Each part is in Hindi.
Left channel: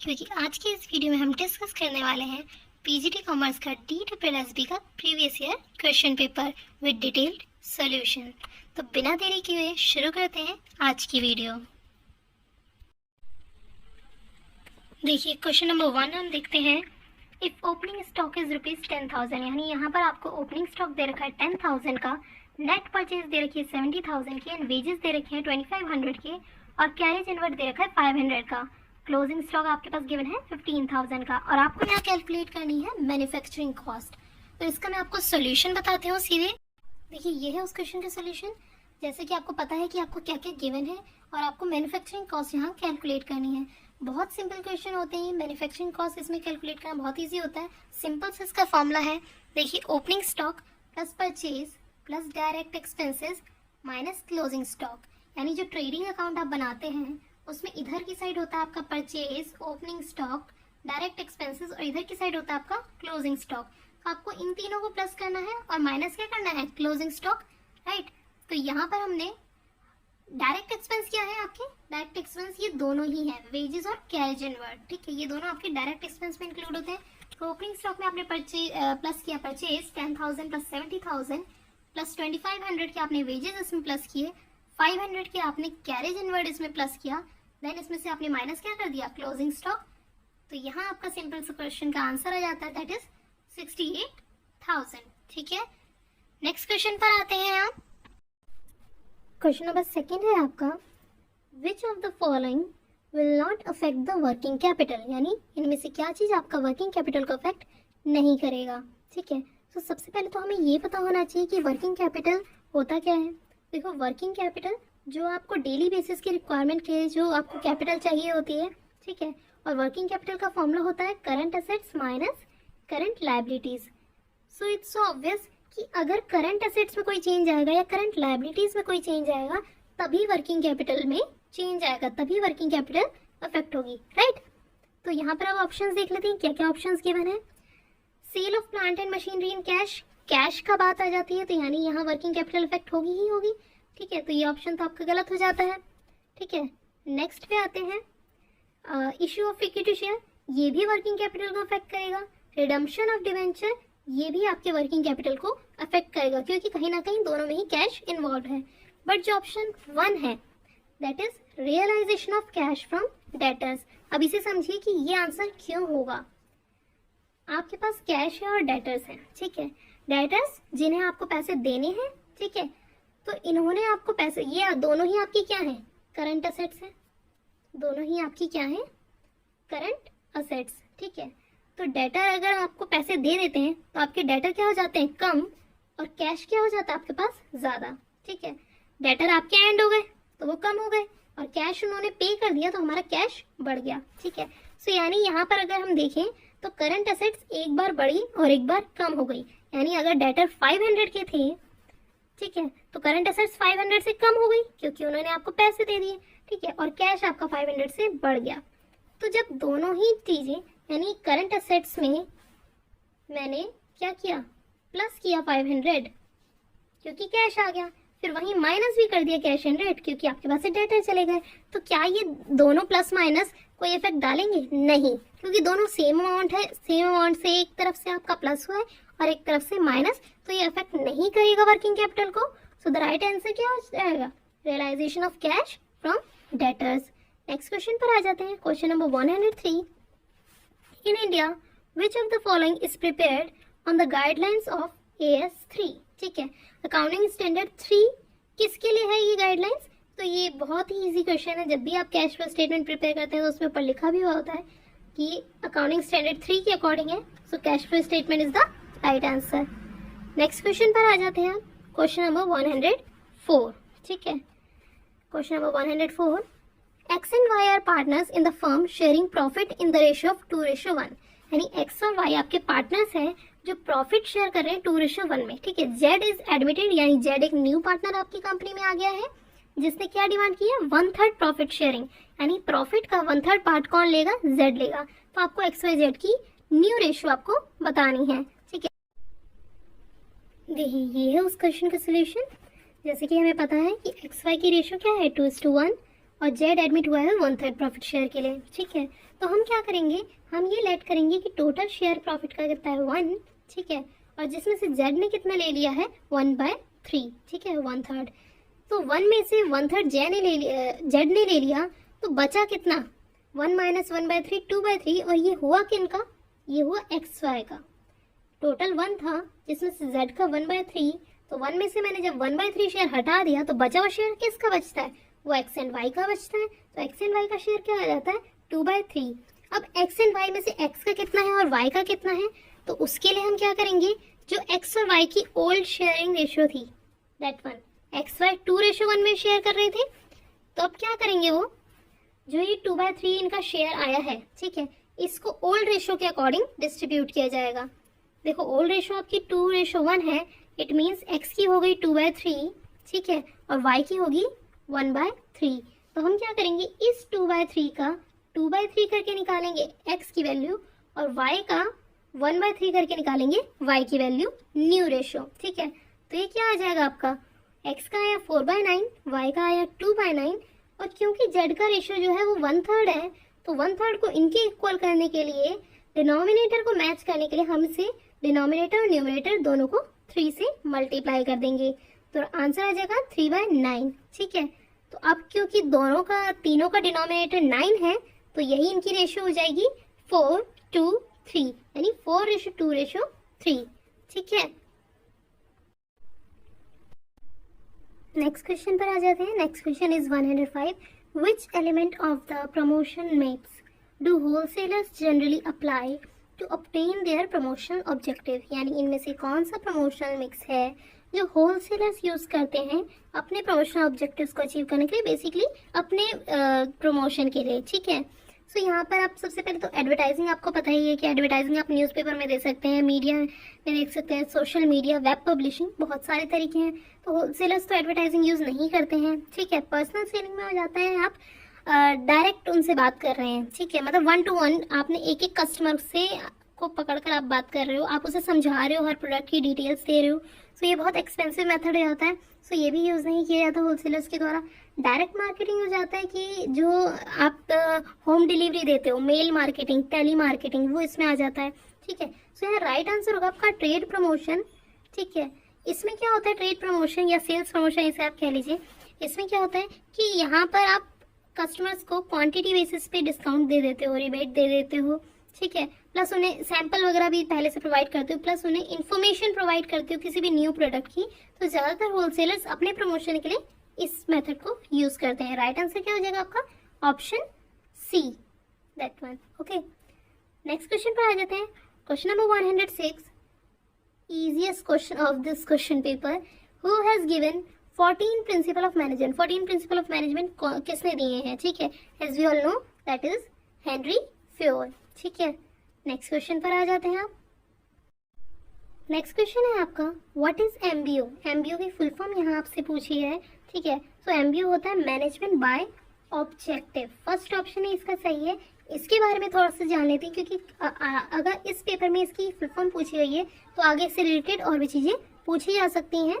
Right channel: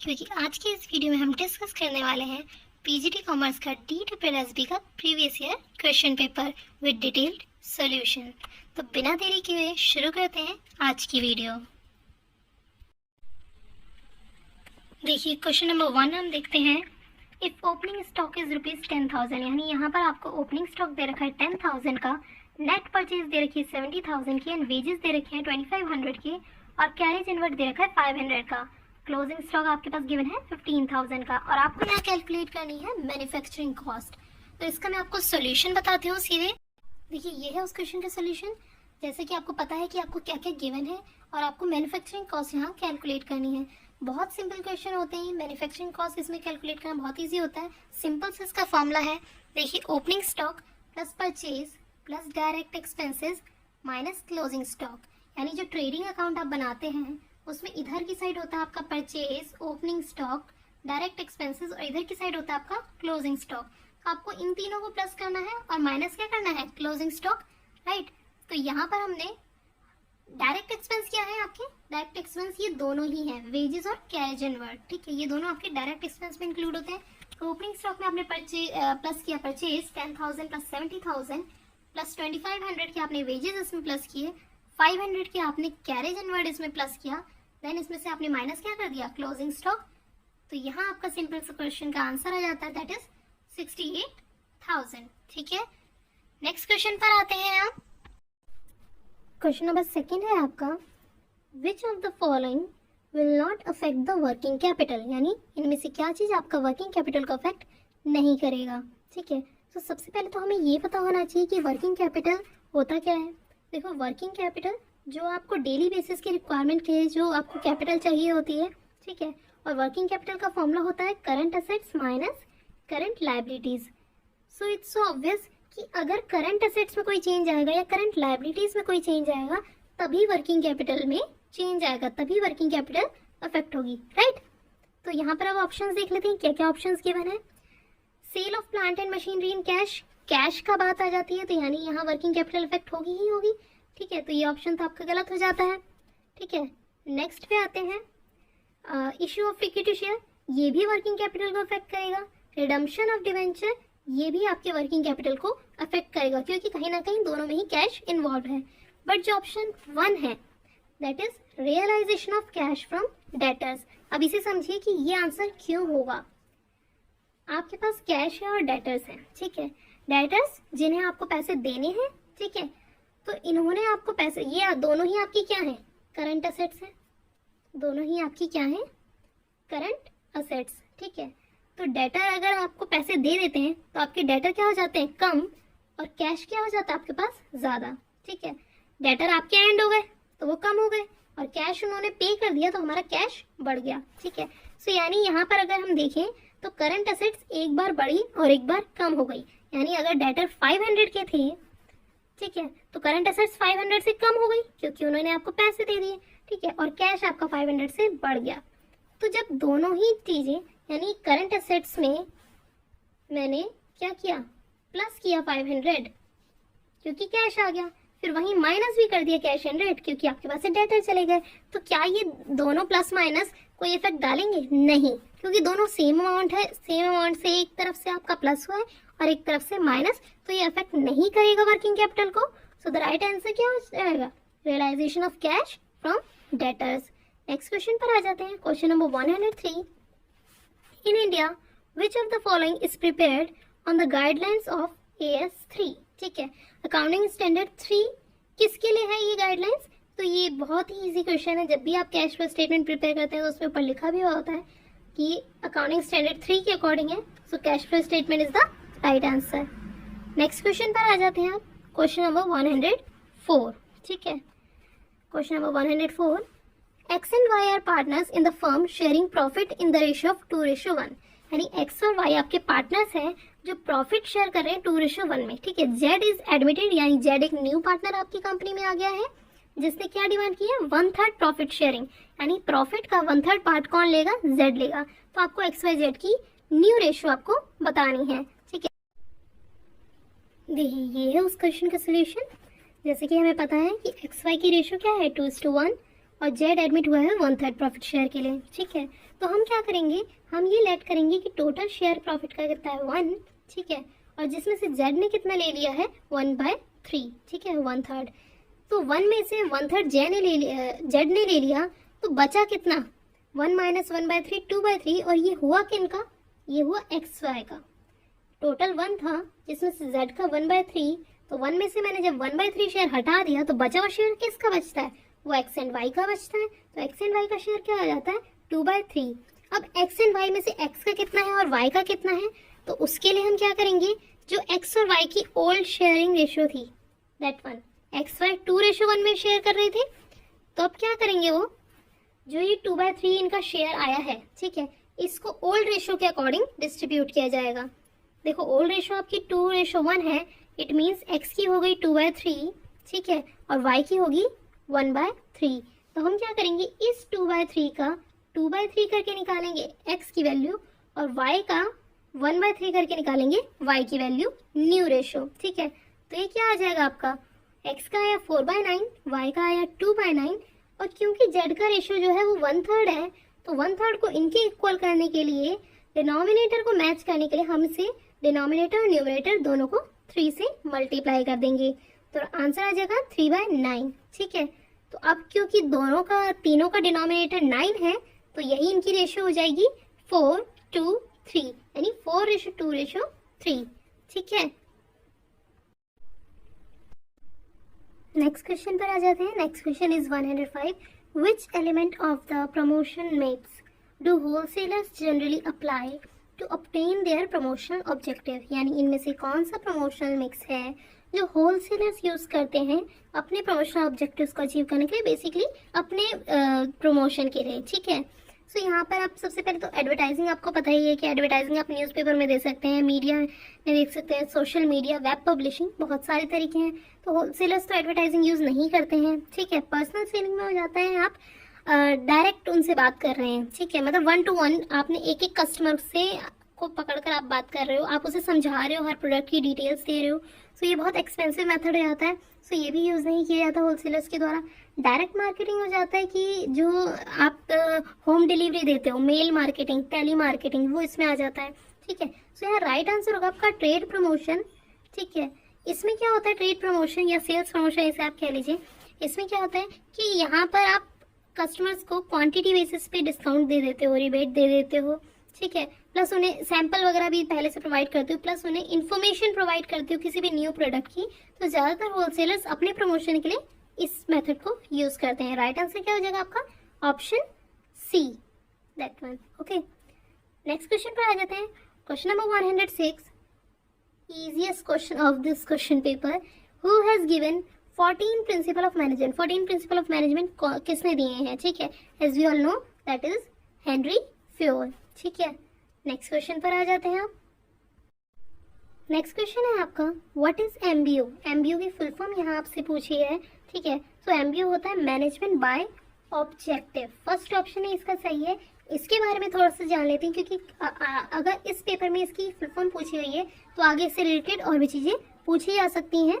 क्योंकि आज के इस वीडियो में हम डिस्कस करने वाले हैं पीजीटी कॉमर्स का DSSB का previous year question paper with detailed solution. तो बिना देरी किए हुए शुरू करते हैं आज की वीडियो। देखिए क्वेश्चन नंबर 1 हम देखते हैं। इफ ओपनिंग स्टॉक इज ₹10,000, यानी यहाँ पर आपको ओपनिंग स्टॉक दे रखा है 10,000 का, नेट परचेज दे रखी है 70,000 की एंड वेजेस दे रखे हैं 2500 के और कैरेज इनवर्ट दे रखा है 500 का। क्लोजिंग स्टॉक आपके पास गिवन है 15,000 का और आपको यहाँ कैलकुलेट करनी है मैन्युफैक्चरिंग कॉस्ट। तो इसका मैं आपको सोल्यूशन बताती हूँ सीधे। देखिए ये है उस क्वेश्चन का सोल्यूशन। जैसे कि आपको पता है कि आपको क्या क्या गिवन है और आपको मैन्युफैक्चरिंग कॉस्ट यहाँ कैलकुलेट करनी है। बहुत सिंपल क्वेश्चन होते हैं। मैन्युफैक्चरिंग कॉस्ट इसमें कैलकुलेट करना बहुत ईजी होता है। सिंपल से इसका फॉर्मूला है, देखिए opening stock plus purchase plus direct expenses minus closing stock. यानी जो ट्रेडिंग अकाउंट आप बनाते हैं उसमें इधर की साइड होता है आपका purchase, opening stock, direct expenses और इधर की साइड होता है आपका क्लोजिंग स्टॉक। आपको इन तीनों को प्लस करना है और माइनस क्या करना है, क्लोजिंग स्टॉक, राइट। तो यहाँ पर हमने डायरेक्ट एक्सपेंस क्या है, आपके डायरेक्ट एक्सपेंस ये दोनों ही है, वेजेस और कैरेज इनवर्ट, ठीक है। ये दोनों आपके डायरेक्ट एक्सपेंस में इंक्लूड होते हैं। तो ओपनिंग स्टॉक में आपने प्लस किया परचेज 10,000 प्लस 70,000 प्लस 2500 के आपने वेजेस इसमें प्लस किए, 500 के आपने कैरेज इनवर्ट इसमें प्लस किया, देन इसमें से आपने माइनस क्या कर दिया, क्लोजिंग स्टॉक। तो यहाँ आपका सिंपल सा क्वेश्चन का आंसर आ जाता है, दैट इज 68,000, ठीक है। नेक्स्ट क्वेश्चन पर आते हैं आप। क्वेश्चन नंबर 2 है आपका, which of the following will not affect the working capital, यानी इनमें से क्या चीज आपका वर्किंग कैपिटल को अफेक्ट नहीं करेगा, ठीक है। तो सबसे पहले तो हमें ये पता होना चाहिए कि वर्किंग कैपिटल होता क्या है। देखो वर्किंग कैपिटल जो आपको डेली बेसिस की रिक्वायरमेंट के लिए जो आपको कैपिटल चाहिए होती है, ठीक है। और वर्किंग कैपिटल का फॉर्मूला होता है current assets minus current liabilities. So it's so obvious कि अगर करंट असेट्स में कोई चेंज आएगा या करंट लायबिलिटीज में कोई चेंज आएगा तभी वर्किंग कैपिटल में चेंज आएगा, तभी वर्किंग कैपिटल अफेक्ट होगी, राइट। तो यहाँ पर अब ऑप्शंस देख लेते हैं क्या क्या ऑप्शंस गिवन है। Sale of plant and machinery in cash, cash का बात आ जाती है तो यानी यहाँ वर्किंग कैपिटल इफेक्ट होगी ही होगी, ठीक है। तो ये ऑप्शन तो आपका गलत हो जाता है, ठीक है। नेक्स्ट पे आते हैं, इश्यू ऑफ इक्विटी शेयर, ये भी वर्किंग कैपिटल को अफेक्ट करेगा। रिडम्पशन ऑफ डिवेंचर, ये भी आपके वर्किंग कैपिटल को अफेक्ट करेगा क्योंकि कहीं ना कहीं दोनों में ही कैश इन्वॉल्व है। बट जो ऑप्शन 1 है that is realisation of cash from debtors. अब इसे समझिए कि ये आंसर क्यों होगा। आपके पास कैश है और डेटर्स है, ठीक है। डेटर्स जिन्हें आपको पैसे देने हैं, ठीक है। तो इन्होंने आपको पैसे, ये दोनों ही आपकी क्या है, करंट असेट्स है, दोनों ही आपकी क्या है, करंट असेट्स, ठीक है। तो डेटर अगर आपको पैसे दे देते हैं तो आपके डेटर क्या हो जाते हैं, कम, और कैश क्या हो जाता है आपके पास, ज्यादा, ठीक है। डेटर आपके एंड हो गए तो वो कम हो गए और कैश उन्होंने पे कर दिया तो हमारा कैश बढ़ गया, ठीक है। सो यानी यहाँ पर अगर हम देखें तो करंट असेट्स एक बार बढ़ी और एक बार कम हो गई। यानी अगर डेटर 500 के थे, ठीक है, तो करंट असेट्स 500 से कम हो गई क्योंकि उन्होंने आपको पैसे दे दिए, ठीक है, और कैश आपका 500 से बढ़ गया। तो जब दोनों ही चीजें यानी करंट असेट्स में मैंने क्या किया, प्लस किया 500 क्योंकि कैश आ गया, फिर वहीं माइनस भी कर दिया कैश इन रेट क्योंकि आपके पास से डेटर चले गए, तो क्या ये दोनों प्लस माइनस कोई इफेक्ट डालेंगे, नहीं, क्योंकि दोनों सेम अमाउंट है। सेम अमाउंट से एक तरफ से आपका प्लस हुआ है और एक तरफ से माइनस, तो ये इफेक्ट नहीं करेगा वर्किंग कैपिटल को। सो द राइट आंसर क्या हो जाएगा, realisation of cash from debtors. Next question पर आ जाते हैं। Question number 103, in India which of the following is prepared on the guidelines of AS3, ठीक है। अकाउंटिंग स्टैंडर्ड 3 किसके लिए है ये गाइडलाइंस। तो ये बहुत ही इजी क्वेश्चन है। जब भी आप कैश फ्लो स्टेटमेंट प्रिपेयर करते हैं तो उसमें ऊपर लिखा भी हुआ होता है कि अकाउंटिंग स्टैंडर्ड 3 के अकॉर्डिंग है। So cash flow statement is the right answer. Next question पर आ जाते हैं आप। क्वेश्चन नंबर 104, ठीक है। Question number 104, X and Y are partners in the firm sharing profit in the ratio of 2:1, यानी X और Y आपके पार्टनर्स हैं जो प्रॉफिट शेयर कर रहे हैं 2:1 में, ठीक है। Z इज एडमिटेड, यानी Z एक न्यू पार्टनर आपकी कंपनी में आ गया है जिसने क्या डिमांड किया, 1/3 प्रॉफिट शेयरिंग, यानी प्रॉफिट का 1/3 पार्ट कौन लेगा, Z लेगा। तो आपको XYZ की न्यू रेशियो आपको बतानी है, ठीक है। देखिए ये है उस क्वेश्चन का सोल्यूशन। जैसे कि हमें पता है कि XY की रेशियो क्या है, 2:1 और Z एडमिट हुआ है 1/3 प्रॉफिट शेयर के लिए, ठीक है। तो हम क्या करेंगे, हम ये लेट करेंगे कि टोटल शेयर प्रॉफिट का कितना है 1, ठीक है, और जिसमें से जेड ने कितना ले लिया है 1/3, ठीक है, 1/3। तो 1 में से 1/3 जेड ने ले लिया, तो बचा कितना 1 - 1/3 2/3, और ये हुआ किनका, ये हुआ एक्स वाई का। टोटल 1 था जिसमें से जेड का 1/3, तो 1 में से मैंने जब 1/3 शेयर हटा दिया तो बचा हुआ शेयर किसका बचता है, वो एक्स एंड वाई का बचता है। तो एक्स एंड वाई का शेयर क्या आ जाता है 2/3। अब एक्स एंड वाई में से एक्स का कितना है और वाई का कितना है, तो उसके लिए हम क्या करेंगे, जो एक्स और वाई की ओल्ड शेयरिंग रेशियो थी दैट वन, एक्स वाई 2:1 में शेयर कर रहे थे, तो अब क्या करेंगे, वो जो ये 2/3 इनका शेयर आया है, ठीक है, इसको ओल्ड रेशियो के अकॉर्डिंग डिस्ट्रीब्यूट किया जाएगा। देखो ओल्ड रेशियो आपकी 2:1 है, इट मीन्स एक्स की हो गई 2/3, ठीक है, और वाई की होगी 1/3। तो हम क्या करेंगे, इस 2/3 का 2/3 करके निकालेंगे एक्स की वैल्यू, और वाई का 1/3 करके निकालेंगे वाई की वैल्यू, न्यू रेशियो, ठीक है। तो ये क्या आ जाएगा आपका, एक्स का आया 4/9, वाई का आया 2/9, और क्योंकि जेड का रेशियो जो है वो 1/3 है, तो 1/3 को इनके इक्वल करने के लिए, डिनोमिनेटर को मैच करने के लिए हम इसे डिनोमिनेटर और न्यूमरेटर दोनों को 3 से मल्टीप्लाई कर देंगे, तो आंसर आ जाएगा 3/9, ठीक है। तो अब क्योंकि तीनों का डिनोमिनेटर 9 है, तो यही इनकी रेशियो हो जाएगी 4:3, यानी 4:2:3, ठीक है। नेक्स्ट क्वेश्चन पर आ जाते हैं। Next question is 105, which element of the promotion mix do wholesalers generally apply to obtain their promotional objective, यानी इनमें से कौन सा प्रमोशनल मिक्स है जो होलसेलर्स यूज करते हैं अपने प्रमोशनल ऑब्जेक्टिव्स को अचीव करने के लिए, बेसिकली अपने प्रमोशन के लिए, ठीक है। सो यहाँ पर आप सबसे पहले तो एडवर्टाइजिंग, आपको पता ही है कि एडवर्टाइजिंग आप न्यूज़पेपर में दे सकते हैं, मीडिया में देख सकते हैं, सोशल मीडिया, वेब पब्लिशिंग, बहुत सारे तरीके हैं। तो होलसेलर्स तो एडवर्टाइजिंग यूज़ नहीं करते हैं, ठीक है। पर्सनल सेलिंग में हो जाता है, आप डायरेक्ट उनसे बात कर रहे हैं, ठीक है, मतलब 1 to 1 आपने एक एक कस्टमर से को पकड़कर आप बात कर रहे हो, आप उसे समझा रहे हो, हर प्रोडक्ट की डिटेल्स दे रहे हो। सो ये बहुत एक्सपेंसिव मेथड होता है, सो ये भी यूज़ नहीं किया जाता होलसेलर्स के द्वारा। डायरेक्ट मार्केटिंग हो जाता है कि जो आप होम डिलीवरी देते हो, मेल मार्केटिंग, टेली मार्केटिंग, वो इसमें आ जाता है, ठीक है। सो यहाँ राइट आंसर होगा आपका ट्रेड प्रमोशन, ठीक है। इसमें क्या होता है, ट्रेड प्रमोशन या सेल्स प्रमोशन इसे आप कह लीजिए, इसमें क्या होता है कि यहाँ पर आप कस्टमर्स को क्वांटिटी बेसिस पे डिस्काउंट दे देते हो, रिबेट दे देते हो, ठीक है, प्लस उन्हें सैंपल वगैरह भी पहले से प्रोवाइड करते हो, प्लस उन्हें इन्फॉर्मेशन प्रोवाइड करते हो किसी भी न्यू प्रोडक्ट की। तो ज़्यादातर होलसेलर्स अपने प्रमोशन के लिए इस मेथड को यूज करते हैं। राइट आंसर क्या हो जाएगा आपका, option C, that one, okay. Next question पर आ जाते हैं। Question number 106, easiest question of this question paper, who has given 14 principle of management, 14 principle of management किसने दिए हैं, ठीक है, as we all know that is Henry Fayol, ठीक है। नेक्स्ट क्वेश्चन पर आ जाते हैं आप। नेक्स्ट क्वेश्चन है आपका, व्हाट इज एमबीओ, एमबीओ की फुल फॉर्म यहाँ आपसे पूछी है, ठीक है। तो एमबीओ होता है management by objective, first option ही इसका सही है। इसके बारे में थोड़ा सा जान लेते हैं, क्योंकि अगर इस पेपर में इसकी फुल फॉर्म पूछी गई है तो आगे इससे रिलेटेड और भी चीजें पूछी जा सकती हैं।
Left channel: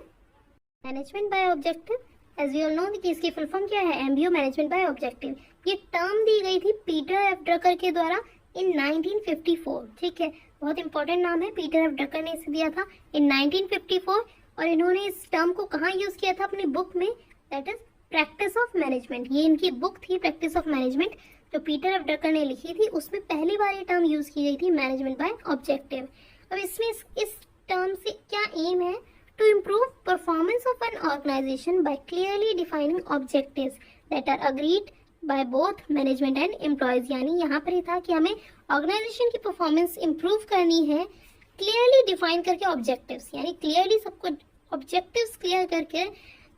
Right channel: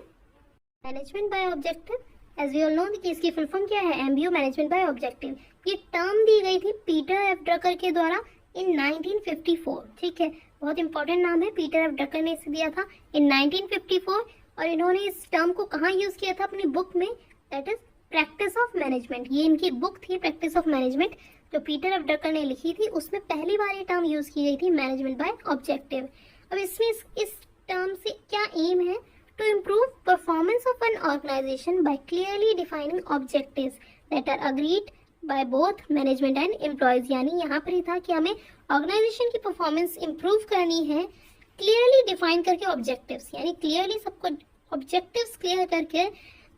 Management by objective, as we all know कि इसकी फुल फॉर्म क्या है, एमबीओ मैनेजमेंट बाय ऑब्जेक्टिव। ये टर्म दी गई थी पीटर एफ ड्रकर के द्वारा इन 1954, ठीक है, बहुत इंपॉर्टेंट नाम है, पीटर एफ ड्रकर ने इसे दिया था इन 1954, और इन्होंने इस टर्म को कहाँ यूज किया था, अपनी बुक में, that is practice of management. ये इनकी बुक थी प्रैक्टिस ऑफ मैनेजमेंट, जो पीटर एफ ड्रकर ने लिखी थी, उसमें पहली बार ये टर्म यूज की गई थी, मैनेजमेंट बाय ऑब्जेक्टिव। अब इसमें इस टर्म से क्या एम है, to improve performance of an organisation by clearly defining objectives that are agreed by both management and employees. यानी यहाँ पर ही था कि हमें ऑर्गेनाइजेशन की परफॉर्मेंस इंप्रूव करनी है क्लियरली डिफाइन करके ऑब्जेक्टिव्स, यानी क्लियरली सबको ऑब्जेक्टिव्स क्लियर करके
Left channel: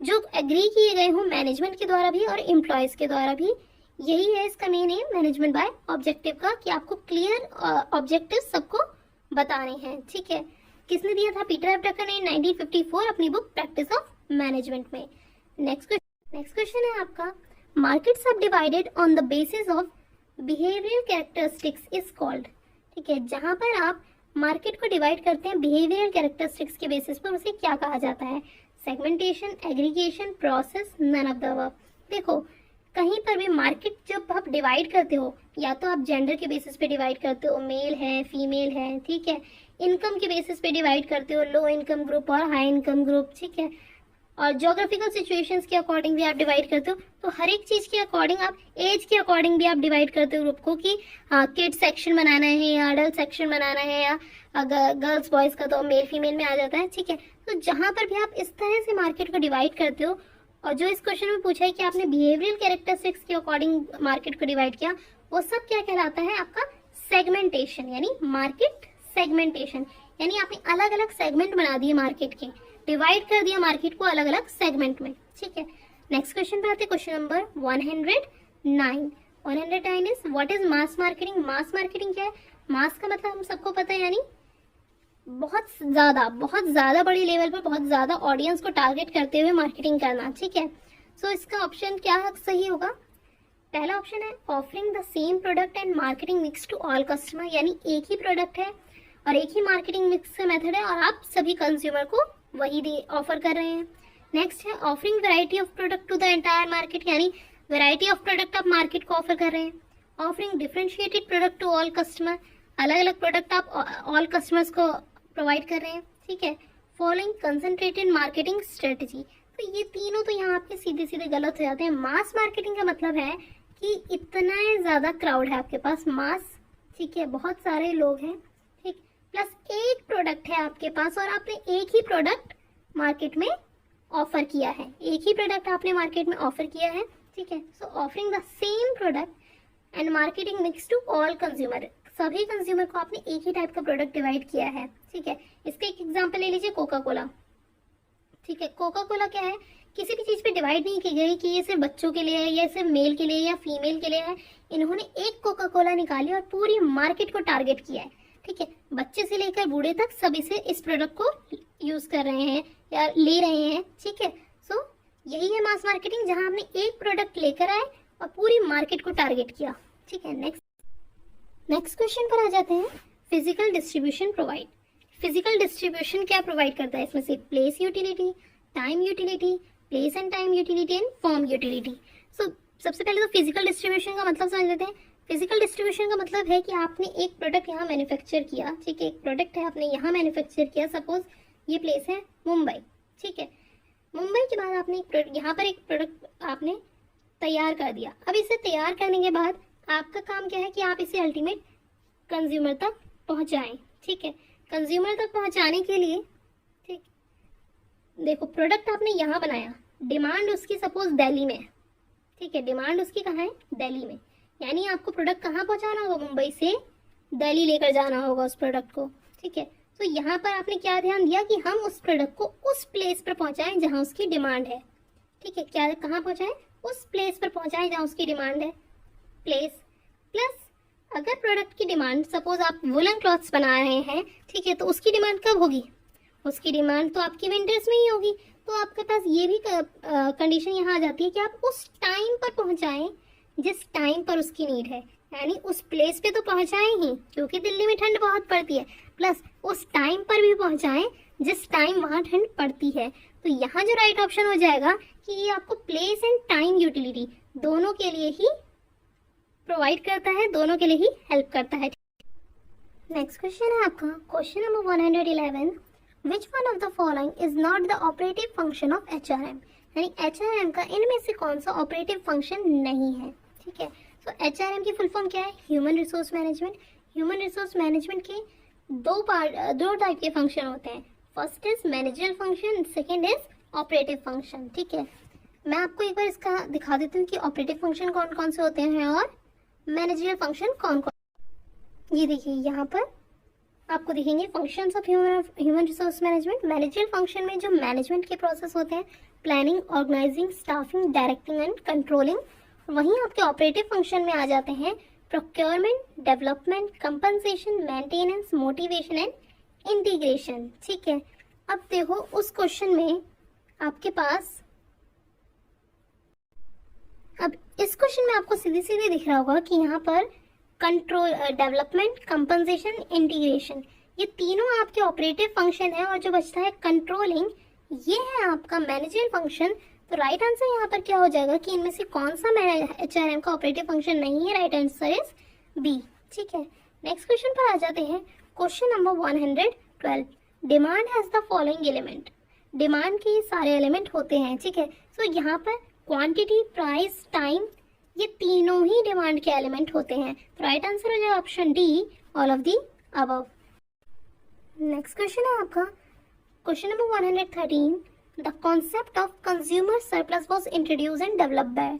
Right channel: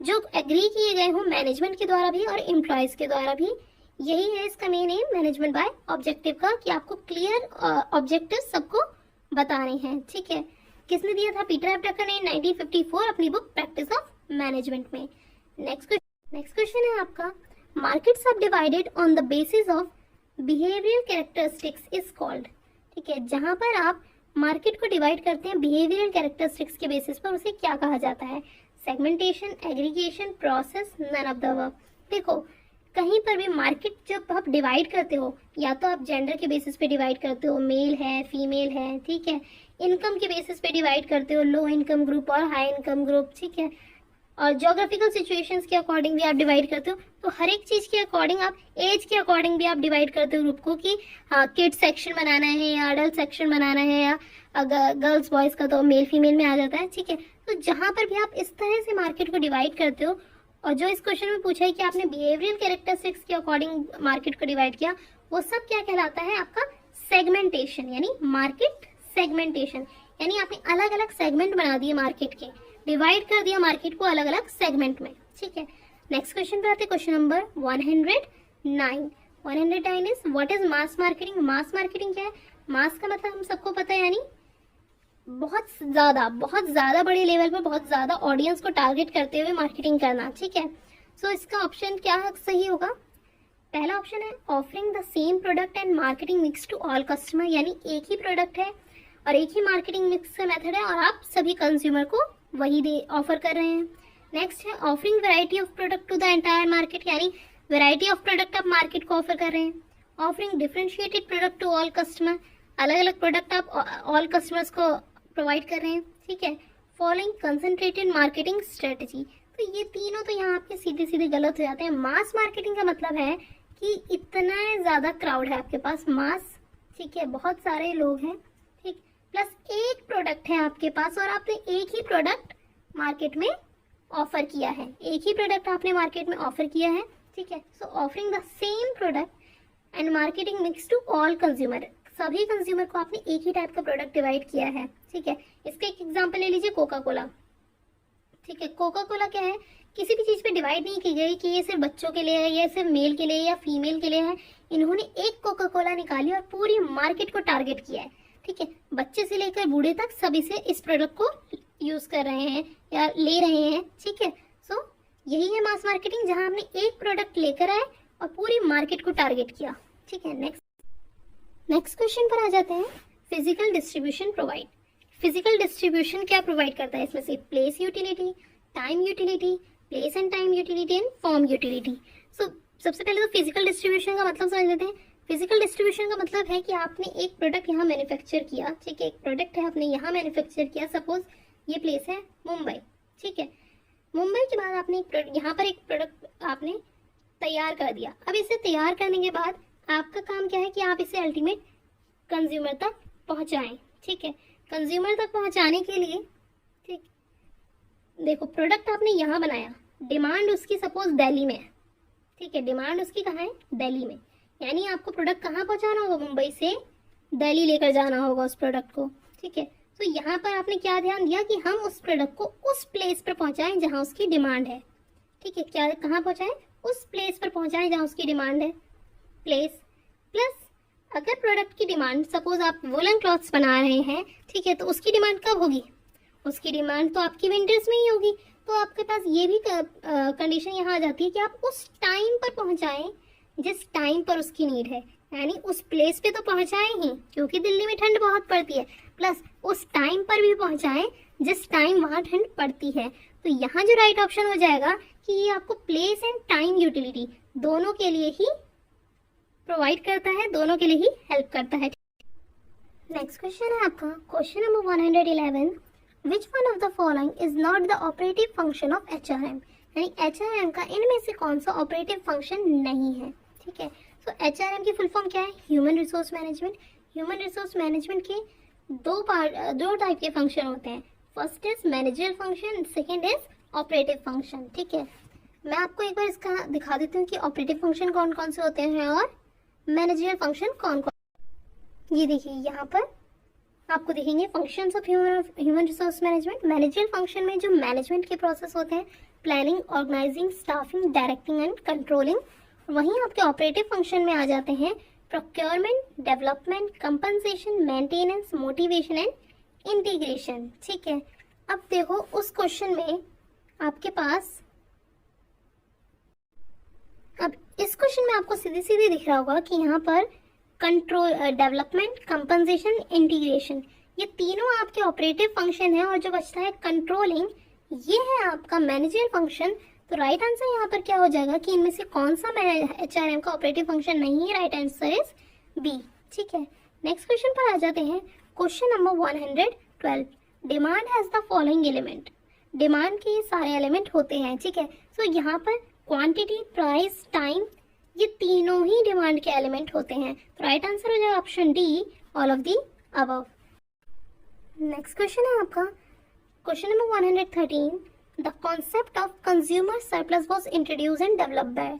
जो एग्री किए गए हों मैनेजमेंट के द्वारा भी और एम्प्लॉयज के द्वारा भी। यही है इसका main M management by objective का, कि आपको क्लियर ऑब्जेक्टिव सबको बताने हैं, ठीक है। किसने दिया था, पीटर एफ ड्रकर ने 1954 अपनी बुक प्रैक्टिस ऑफ मैनेजमेंट में। नेक्स्ट क्वेश्चन है आपका, markets are divided on the basis of behavioural characteristics is called, ठीक है, जहां पर आप मार्केट को डिवाइड करते हैं बिहेवियरल कैरेक्टरिस्टिक्स के बेसिस पर, उसे क्या कहा जाता है, segmentation, aggregation, process, none of the above. देखो कहीं पर भी मार्केट जब आप डिवाइड करते हो, या तो आप जेंडर के बेसिस पे डिवाइड करते हो, मेल है फीमेल है, ठीक है, इनकम के बेसिस पे डिवाइड करते हो, लो इनकम ग्रुप और हाई इनकम ग्रुप, ठीक है, और ज्योग्राफिकल सिचुएशंस के अकॉर्डिंग भी आप डिवाइड करते हो। तो हर एक चीज के अकॉर्डिंग आप, एज के अकॉर्डिंग भी आप डिवाइड करते हो ग्रुप को, कि हाँ किड सेक्शन बनाना है या अडल्ट सेक्शन बनाना है, या गर्ल्स बॉयज का तो मेल फीमेल में आ जाता है, ठीक है। तो जहां पर भी आप इस तरह से मार्केट को डिवाइड करते हो, और जो इस क्वेश्चन में पूछा है कि आपने बिहेवियरल कैरेक्टरिस्टिक्स के अकॉर्डिंग मार्केट को डिवाइड किया, वो सब क्या कहलाता है आपका सेगमेंटेशन, यानी मार्केट सेगमेंटेशन, यानी आपने अलग अलग सेगमेंट बना दिए मार्केट के, डिवाइड कर दिया मार्केट को अलग अलग सेगमेंट में, ठीक है। नेक्स्ट क्वेश्चन पे आते हैं, question number 109। 109 is what is mass marketing. Mass marketing क्या है? मास का मतलब हम सबको पता है, यानी बहुत ज्यादा बड़े लेवल पर बहुत ज्यादा ऑडियंस को टारगेट करते हुए मार्केटिंग करना, ठीक है। सो इसका ऑप्शन क्या सही होगा? पहला ऑप्शन है offering the same product and marketing mix to all customer, यानी एक ही प्रोडक्ट है और एक ही मार्केटिंग मिक्स का मेथड है और आप सभी कंज्यूमर को वही ऑफर कर रहे हैं। नेक्स्ट है offering variety of product to the entire market, यानी वैरायटी ऑफ प्रोडक्ट आप मार्केट को ऑफर कर रहे हैं। Offering differentiated product to all customer, अलग अलग प्रोडक्ट आप ऑल कस्टमर्स को प्रोवाइड कर रहे हैं, ठीक है। फॉलोइंग कंसंट्रेटेड मार्केटिंग स्ट्रेटजी, तो ये तीनों तो यहाँ आपके सीधे सीधे गलत हो जाते हैं। मास मार्केटिंग का मतलब है कि इतना ज्यादा क्राउड है आपके पास, मास, ठीक है, बहुत सारे लोग हैं, ठीक, प्लस एक प्रोडक्ट है आपके पास और आपने एक ही प्रोडक्ट मार्केट में ऑफर किया है, एक ही प्रोडक्ट आपने मार्केट में ऑफर किया है, ठीक है। So offering the same product and marketing mix to all consumer, सभी कंज्यूमर को आपने एक ही टाइप का प्रोडक्ट डिवाइड किया है, ठीक है। इसका एक एग्जांपल ले लीजिए, कोका कोला, ठीक है। कोका कोला क्या है, किसी भी चीज पे डिवाइड नहीं की गई कि ये सिर्फ बच्चों के लिए है, या सिर्फ मेल के लिए या फीमेल के लिए है। इन्होंने एक कोका कोला निकाली और पूरी मार्केट को टारगेट किया है, ठीक है। बच्चे से लेकर बूढ़े तक सभी से इस प्रोडक्ट को यूज कर रहे हैं या ले रहे हैं, ठीक है। सो यही है मास मार्केटिंग, जहां आपने एक प्रोडक्ट लेकर आए और पूरी मार्केट को टारगेट किया, ठीक है। नेक्स्ट क्वेश्चन पर आ जाते हैं, physical distribution provide. Physical distribution क्या प्रोवाइड करता है? इसमें से place utility, time utility, place and time utility and form utility. So सबसे पहले तो फिजिकल डिस्ट्रीब्यूशन का मतलब समझ लेते हैं। फिजिकल डिस्ट्रीब्यूशन का मतलब है कि आपने एक प्रोडक्ट यहाँ मैन्युफैक्चर किया, ठीक है, एक प्रोडक्ट है आपने यहाँ मैन्युफैक्चर किया, सपोज ये प्लेस है मुंबई, ठीक है। मुंबई के बाद आपने यहाँ पर एक प्रोडक्ट आपने तैयार कर दिया। अब इसे तैयार करने के बाद आपका काम क्या है कि आप इसे अल्टीमेट कंज्यूमर तक पहुंचाएं, ठीक है। कंज्यूमर तक पहुंचाने के लिए, ठीक, देखो प्रोडक्ट आपने यहाँ बनाया, डिमांड उसकी सपोज दिल्ली में है, ठीक है, डिमांड उसकी कहाँ है? दिल्ली में, यानी आपको प्रोडक्ट कहाँ पहुंचाना होगा? मुंबई से दिल्ली लेकर जाना होगा उस प्रोडक्ट को, ठीक है। तो यहाँ पर आपने क्या ध्यान दिया कि हम उस प्रोडक्ट को उस प्लेस पर पहुंचाएं जहां उसकी डिमांड है, ठीक है। क्या कहाँ पहुंचाएं? उस प्लेस पर पहुंचाएं जहां उसकी डिमांड है, प्लेस। प्लस अगर प्रोडक्ट की डिमांड, सपोज आप वुलन क्लॉथ्स बना रहे हैं, ठीक है, तो उसकी डिमांड कब होगी? उसकी डिमांड तो आपकी विंटर्स में ही होगी। तो आपके पास ये भी कंडीशन यहाँ आ जाती है कि आप उस टाइम पर पहुंचाएं जिस टाइम पर उसकी नीड है, यानी उस प्लेस पे तो पहुंचाएं ही क्योंकि दिल्ली में ठंड बहुत पड़ती है, प्लस उस टाइम पर भी पहुंचाएं जिस टाइम वहाँ ठंड पड़ती है। तो यहाँ जो राइट ऑप्शन हो जाएगा कि ये आपको प्लेस एंड टाइम यूटिलिटी दोनों के लिए ही प्रोवाइड करता है, दोनों के लिए ही हेल्प करता है। नेक्स्ट क्वेश्चन है आपका question number 111, which one of the following is not the operative function of HRM, यानी HRM का इनमें से कौन सा ऑपरेटिव फंक्शन नहीं है, ठीक है। तो HRM की फुल फॉर्म क्या है? Human resource management. Human resource management के दो टाइप के फंक्शन होते हैं, first is managerial function, second is operative function, ठीक है। मैं आपको एक बार इसका दिखा देती हूँ कि ऑपरेटिव फंक्शन कौन कौन से होते हैं और मैनेजरियल फंक्शन कौन कौन। ये देखिए यहाँ पर आपको दिखेंगे functions of human resource management. Managerial function में जो मैनेजमेंट के प्रोसेस होते हैं, planning, organising, staffing, directing and controlling. वहीं आपके ऑपरेटिव फंक्शन में आ जाते हैं procurement, development, compensation, maintenance, motivation and integration, ठीक है। अब देखो उस क्वेश्चन में आपके पास, अब इस क्वेश्चन में आपको सीधे सीधे दिख रहा होगा कि यहाँ पर कंट्रोल, डेवलपमेंट, कंपनसेशन, इंटीग्रेशन, ये तीनों आपके ऑपरेटिव फंक्शन है और जो बचता है कंट्रोलिंग, ये है आपका मैनेजरियल फंक्शन। तो राइट आंसर यहाँ पर क्या हो जाएगा कि इनमें से कौन सा HRM का ऑपरेटिव फंक्शन नहीं है, राइट आंसर इज बी। ठीक है, नेक्स्ट क्वेश्चन पर आ जाते हैं। Question number 112, demand has the following element. Demand के ये सारे एलिमेंट होते हैं। ठीक है, सो यहाँ पर क्वांटिटी, प्राइस, टाइम, ये तीनों ही डिमांड के एलिमेंट होते हैं। तो राइट आंसर हो जाएगा option D, all of the above. Next question है आपका question number 113, the concept of consumer surplus was introduced and developed by.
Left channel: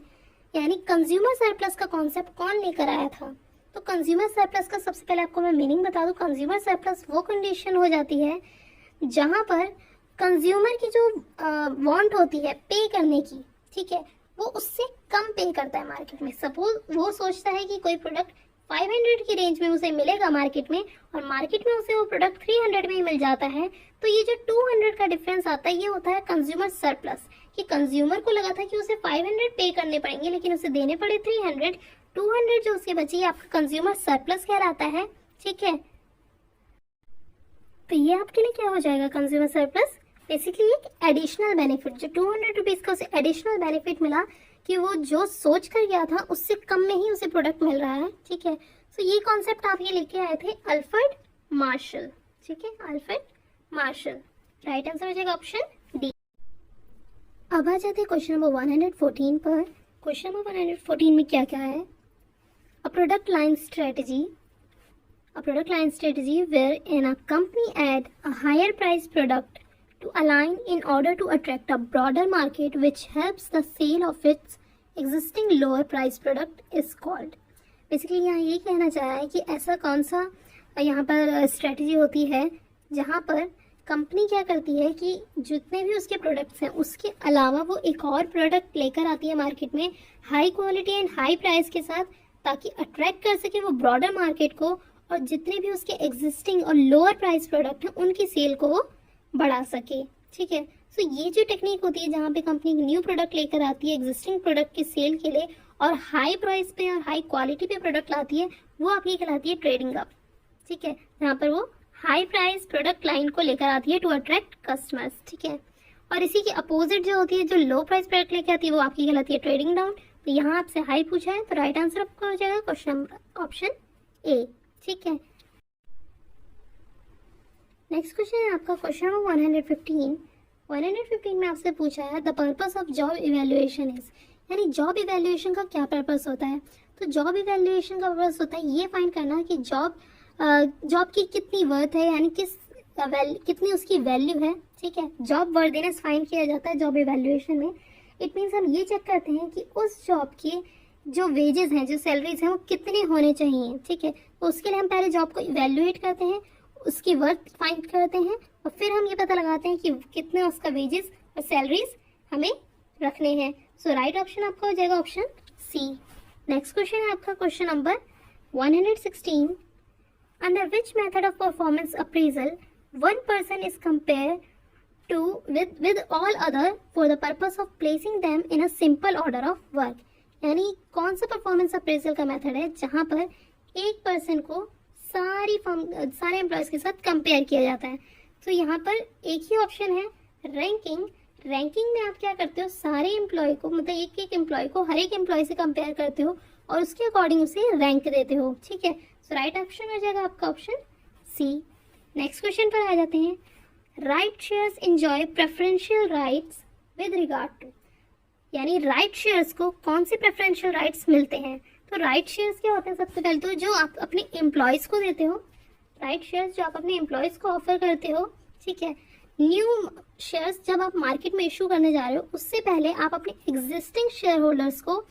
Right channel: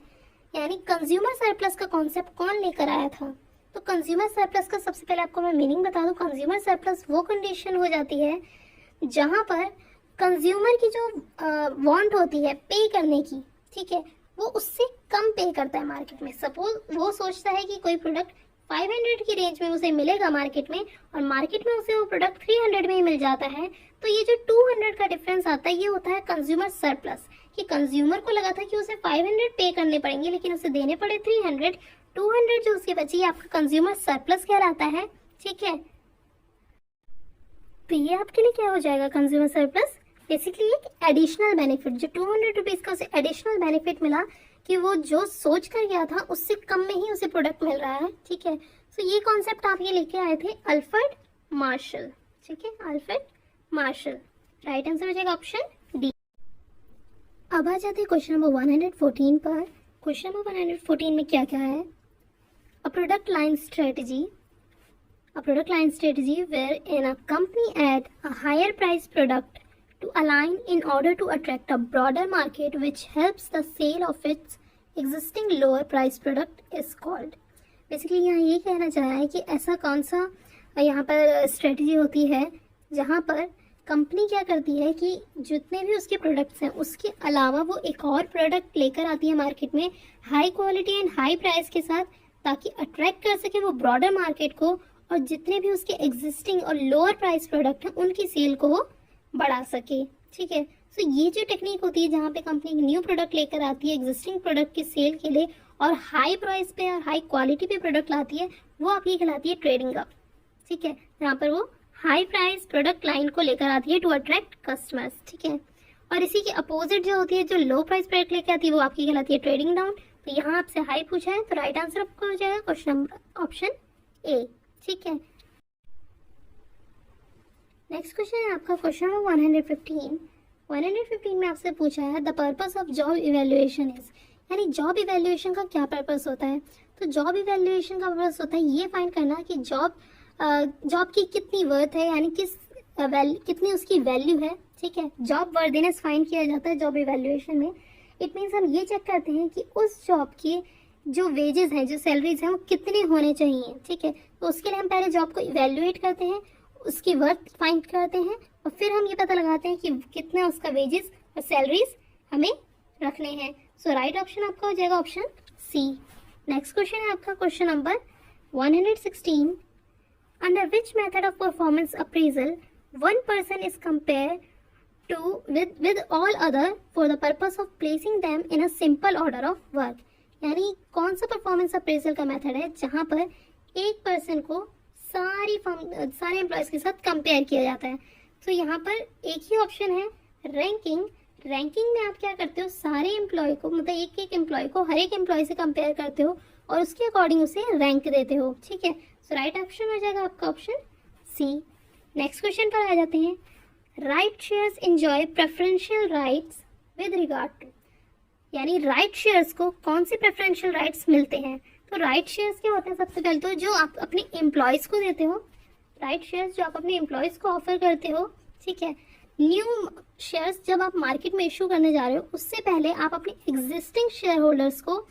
यानी कंज्यूमर सरप्लस का कॉन्सेप्ट कौन लेकर आया था? तो कंज्यूमर सरप्लस का सबसे पहले आपको मैं मीनिंग बता दूं। कंज्यूमर सरप्लस वो कंडीशन हो जाती है जहां पर कंज्यूमर की जो वांट होती है पे करने की, ठीक है, वो उससे कम पे करता है मार्केट में। सपोज वो सोचता है कि कोई प्रोडक्ट 500 की रेंज में उसे मिलेगा मार्केट में, और मार्केट में उसे वो प्रोडक्ट 300 में ही मिल जाता है, तो ये जो 200 का डिफरेंस आता है ये होता है कंज्यूमर सरप्लस। कि कंज्यूमर को लगा था कि उसे 500 पे करने पड़ेंगे लेकिन उसे देने पड़े 300, 200 जो उसके बची है आपका कंज्यूमर सरप्लस कहलाता है। ठीक है, तो ये आपके लिए क्या हो जाएगा कंज्यूमर सरप्लस? बेसिकली एक एडिशनल बेनिफिट, जो 200 रुपीज का उसे एडिशनल बेनिफिट मिला कि वो जो सोच कर गया था उससे कम में ही उसे प्रोडक्ट मिल रहा है। ठीक है, तो ये कॉन्सेप्ट आप ये लेके आए थे अल्फ्रेड मार्शल। ठीक है, अल्फ्रेड मार्शल, राइट आंसर हो जाएगा ऑप्शन डी। अब आ जाते हैं क्वेश्चन नंबर 114 पर। क्वेश्चन नंबर 114 में क्या क्या है? A product line strategy, a product line strategy wherein a company add a higher price product to align in order to attract a broader market which helps the sale of its existing lower price product is called। Basically यहाँ ये कहना चाह रहा है कि ऐसा कौन सा यहाँ पर स्ट्रेटजी होती है जहाँ पर कंपनी क्या करती है कि जितने भी उसके प्रोडक्ट्स हैं उसके अलावा वो एक और प्रोडक्ट लेकर आती है मार्केट में high quality and high price के साथ, ताकि अट्रैक्ट कर सके वो ब्रॉडर मार्केट को, और जितने भी उसके एग्जिस्टिंग और लोअर प्राइस प्रोडक्ट हैं उनकी सेल को वो बढ़ा सके। ठीक है, सो ये जो टेक्निक होती है जहाँ पे कंपनी न्यू प्रोडक्ट लेकर आती है एग्जिस्टिंग प्रोडक्ट की सेल के लिए और हाई प्राइस पे और हाई क्वालिटी पे प्रोडक्ट लाती है, वो आपकी कहलाती है ट्रेडिंग अप। ठीक है, जहाँ पर वो हाई प्राइस प्रोडक्ट लाइन को लेकर आती है टू अट्रैक्ट कस्टमर्स। ठीक है, और इसी के अपोजिट जो होती है, जो लो प्राइस प्रोडक्ट लेकर आती है, वो आपकी कहलाती है ट्रेडिंग डाउन। तो यहाँ आपसे हाई पूछा है तो राइट आंसर आपका हो जाएगा क्वेश्चन नंबर ऑप्शन ए। ठीक है, नेक्स्ट क्वेश्चन है आपका क्वेश्चन नंबर 115। 115 में आपसे पूछा है the purpose of job evaluation is, यानी जॉब इवैल्यूएशन का क्या पर्पस होता है? तो जॉब इवैल्यूएशन का पर्पस होता है ये फाइंड करना कि जॉब की कितनी वर्थ है, यानी कितनी उसकी वैल्यू है। ठीक है, जॉब वर्दीनेस फाइंड किया जाता है जॉब इवैल्यूएशन में। इट मीन्स हम ये चेक करते हैं कि उस जॉब की जो वेजेस हैं, जो सैलरीज हैं, वो कितने होने चाहिए। ठीक है, तो उसके लिए हम पहले जॉब को इवैल्यूएट करते हैं, उसकी वर्थ फाइंड करते हैं, और फिर हम ये पता लगाते हैं कि कितना उसका वेजेस और सैलरीज हमें रखने हैं। सो राइट ऑप्शन आपका हो जाएगा ऑप्शन सी। नेक्स्ट क्वेश्चन है आपका question number 116। Under which method of performance appraisal one person is compare to with all other for the purpose of placing them in a simple order of work। यानी कौन सा परफॉर्मेंस अप्रेजल का मेथड है जहां पर एक पर्सन को सारे एम्प्लॉयज के साथ कंपेयर किया जाता है? तो यहाँ पर एक ही ऑप्शन है रैंकिंग। रैंकिंग में आप क्या करते हो, सारे एम्प्लॉय को, मतलब एक एक एम्प्लॉय को हर एक एम्प्लॉय से कंपेयर करते हो और उसके अकॉर्डिंग उसे रैंक देते हो। ठीक है, सो राइट ऑप्शन हो जाएगा आपका ऑप्शन सी। नेक्स्ट क्वेश्चन पर आ जाते हैं। Right shares enjoy preferential rights with regard to, यानी राइट शेयर्स को कौन से प्रेफरेंशियल राइट्स मिलते हैं? तो राइट शेयर्स क्या होते हैं? सबसे पहले तो जो आप अपने एम्प्लॉयज को देते हो, राइट शेयर्स जो आप अपने एम्प्लॉयज को ऑफर करते हो। ठीक है, न्यू शेयर्स जब आप मार्केट में इशू करने जा रहे हो उससे पहले आप अपने एग्जिस्टिंग शेयर होल्डर्स को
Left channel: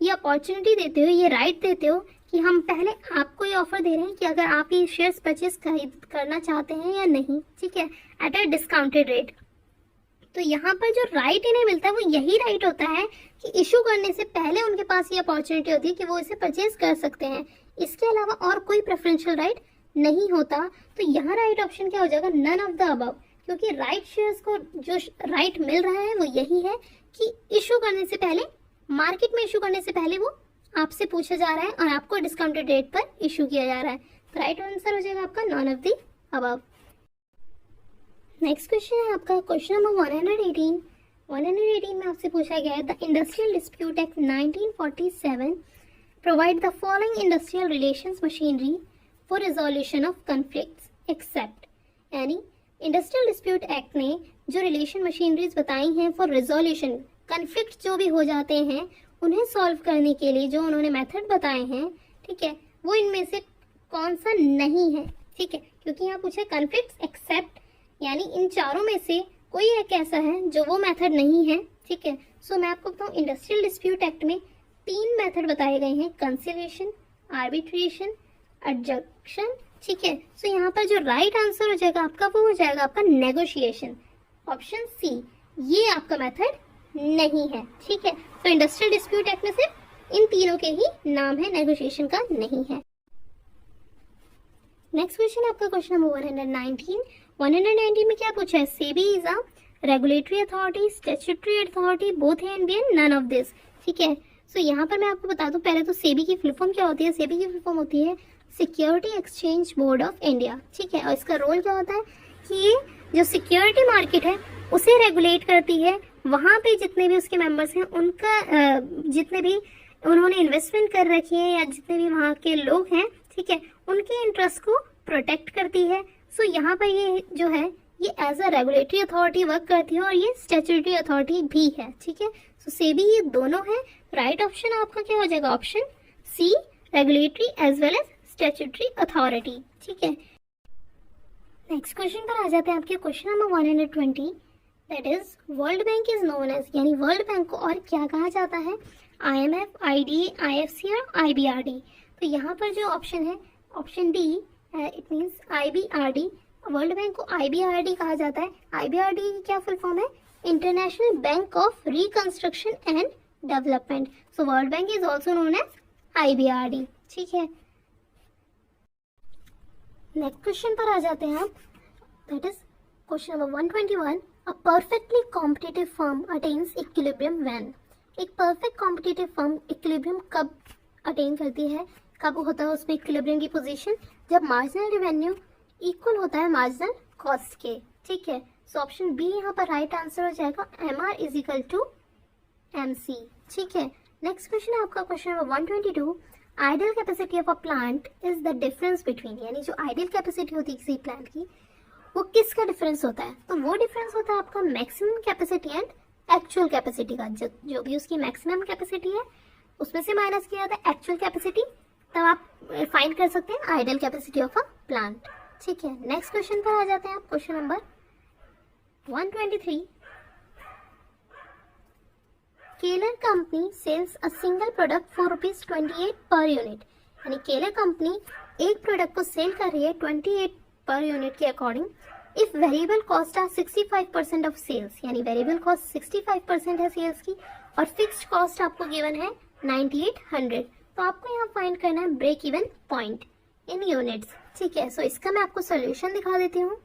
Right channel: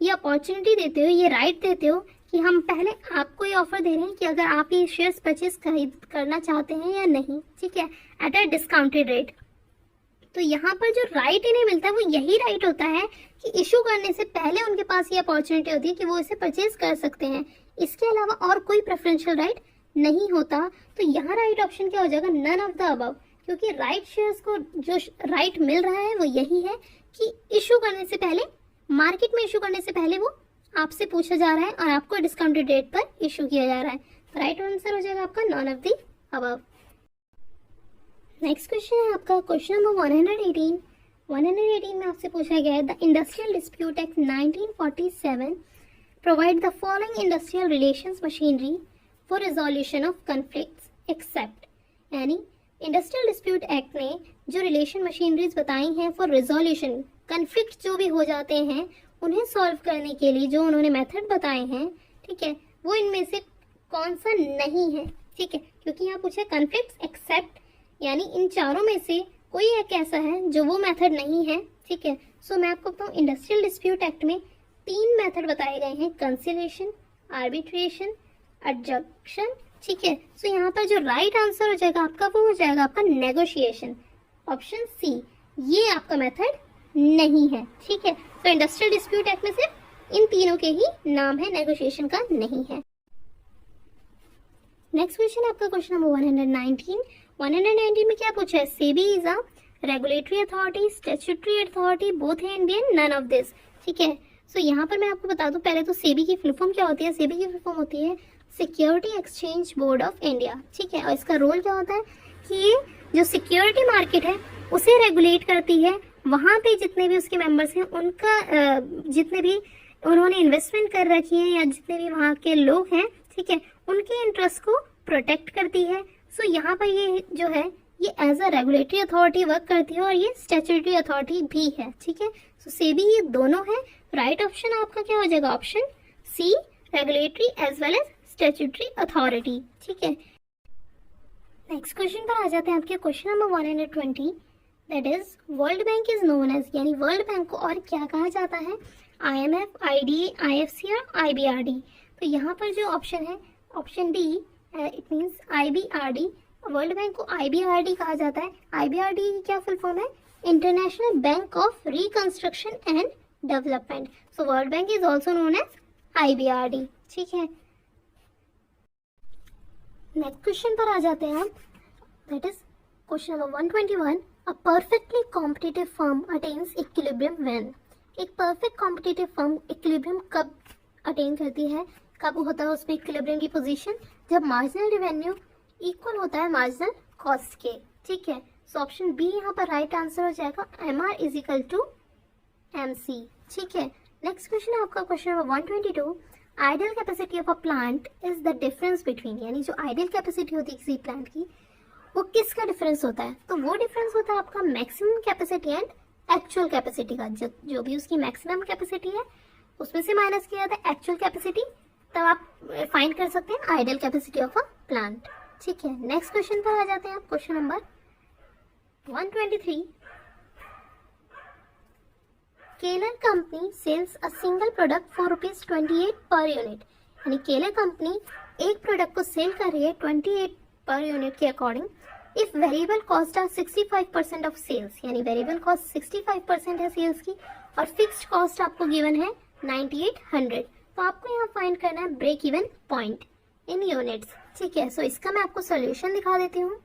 ये अपॉर्चुनिटी देते हो, ये राइट देते हो कि हम पहले आपको ये ऑफर दे रहे हैं कि अगर आप ये शेयर्स परचेज करना चाहते हैं या नहीं। ठीक है, एट अ डिस्काउंटेड रेट। तो यहाँ पर जो राइट इन्हें मिलता है वो यही राइट होता है कि इशू करने से पहले उनके पास ये अपॉर्चुनिटी होती है कि वो इसे परचेज कर सकते हैं। इसके अलावा और कोई प्रेफरेंशियल राइट नहीं होता। तो यहाँ राइट ऑप्शन क्या हो जाएगा? नन ऑफ द अबव, क्योंकि राइट शेयर्स को जो राइट मिल रहा है वो यही है कि इशू करने से पहले, मार्केट में इशू करने से पहले वो आपसे पूछा जा रहा है और आपको डिस्काउंटेड रेट पर इशू किया जा रहा है। तो राइट आंसर हो जाएगा आपका none of the above. Next question है आपका क्वेश्चन नंबर 118। 118 में आपसे पूछा गया है the industrial dispute act 1947 provide the following industrial relations machinery for resolution of conflicts except, यानी इंडस्ट्रियल डिस्प्यूट एक्ट ने जो रिलेशन मशीनरीज बताई हैं फॉर रिजोल्यूशन, कॉन्फ्लिक्ट जो भी हो जाते हैं उन्हें सॉल्व करने के लिए जो उन्होंने मेथड बताए हैं, ठीक है, वो इनमें से कौन सा नहीं है, ठीक है, क्योंकि यहाँ पूछा कॉन्फ्लिक्ट्स एक्सेप्ट, यानी इन चारों में से कोई एक ऐसा है जो वो मेथड नहीं है, ठीक है। सो मैं आपको बताऊँ इंडस्ट्रियल डिस्प्यूट एक्ट में 3 मेथड बताए गए हैं, कंसिलिएशन, आर्बिट्रेशन, एडजक्शन, ठीक है। सो यहाँ पर जो राइट आंसर हो जाएगा आपका वो हो जाएगा आपका नेगोशिएशन, ऑप्शन सी, ये आपका मेथड नहीं है, ठीक है। तो इंडस्ट्रियल डिस्प्यूट एक्ट में सिर्फ इन तीनों के ही नाम है, नेगोशिएशन का नहीं है। नेक्स्ट क्वेश्चन आपका क्वेश्चन नंबर 119 में क्या पूछा है, SEBI is a regulatory authority, statutory authority, both A and B and none of this, ठीक है। सो यहाँ पर मैं आपको बता दूं पहले तो सेबी की फुल फॉर्म क्या होती है, सेबी की फुल फॉर्म होती है security exchange board of India, ठीक है। और इसका रोल क्या होता है कि ये जो सिक्योरिटी मार्केट है उसे रेगुलेट करती है, वहाँ पे जितने भी उसके मेंबर्स हैं उनका जितने भी उन्होंने इन्वेस्टमेंट कर रखी है या जितने भी वहाँ के लोग हैं, ठीक है, उनके इंटरेस्ट को प्रोटेक्ट करती है। सो यहाँ पर ये जो है ये as a regulatory authority work करती है और ये स्टैट्यूटरी अथॉरिटी भी है, ठीक है। सो सेबी ये दोनों है, राइट ऑप्शन आपका क्या हो जाएगा, option C, regulatory as well as statutory authority, ठीक है। नेक्स्ट क्वेश्चन पर आ जाते हैं आपके question number 120, that is world bank is known as, यानी वर्ल्ड बैंक को और क्या कहा जाता है, IMF, IDA, IFC और IBRD। तो यहाँ पर जो ऑप्शन है option D, it means IBRD, world bank को IBRD कहा जाता है। IBRD की क्या फुल फॉर्म है, international bank of reconstruction and development. So world bank is also known as IBRD, ठीक है। नेक्स्ट क्वेश्चन पर आ जाते हैं आप, that is question number 121, a perfectly competitive firm attains equilibrium when, एक परफेक्ट कॉम्पिटिटिव फर्म इक्विलिब्रियम कब अटेन करती है, कब होता है उसमें इक्विलिब्रियम की पोजीशन, जब मार्जिनल रेवेन्यू इक्वल होता है मार्जिनल कॉस्ट के, ठीक है। सो ऑप्शन बी यहाँ पर राइट आंसर हो जाएगा, MR is equal to MC, ठीक है। नेक्स्ट क्वेश्चन है आपका question number 122, ideal capacity of a plant is the difference between, यानी जो आइडियल कैपेसिटी होती है किसी प्लांट की वो किसका डिफरेंस होता है, तो वो डिफरेंस होता है आपका maximum capacity and actual capacity का, जो भी उसकी मैक्सिमम कैपेसिटी है उसमें से माइनस किया जाता है एक्चुअल कैपेसिटी, तब आप फाइंड कर सकते हैं ideal capacity of a plant, ठीक है। नेक्स्ट क्वेश्चन पर आ जाते हैं आप question number 123, Keller company sells a single product for ₹28 per unit, यानी केलर कंपनी एक प्रोडक्ट को सेल कर रही है 28 पर यूनिट के according, if variable cost are 65% of sales, यानी वेरिएबल कॉस्ट 65% है सेल्स की और फिक्स्ड कॉस्ट आपको गिवन है 9800, तो आपको यहाँ फाइंड करना है break even point in units, ठीक है। सो इसका मैं आपको सोल्यूशन दिखा देती हूँ,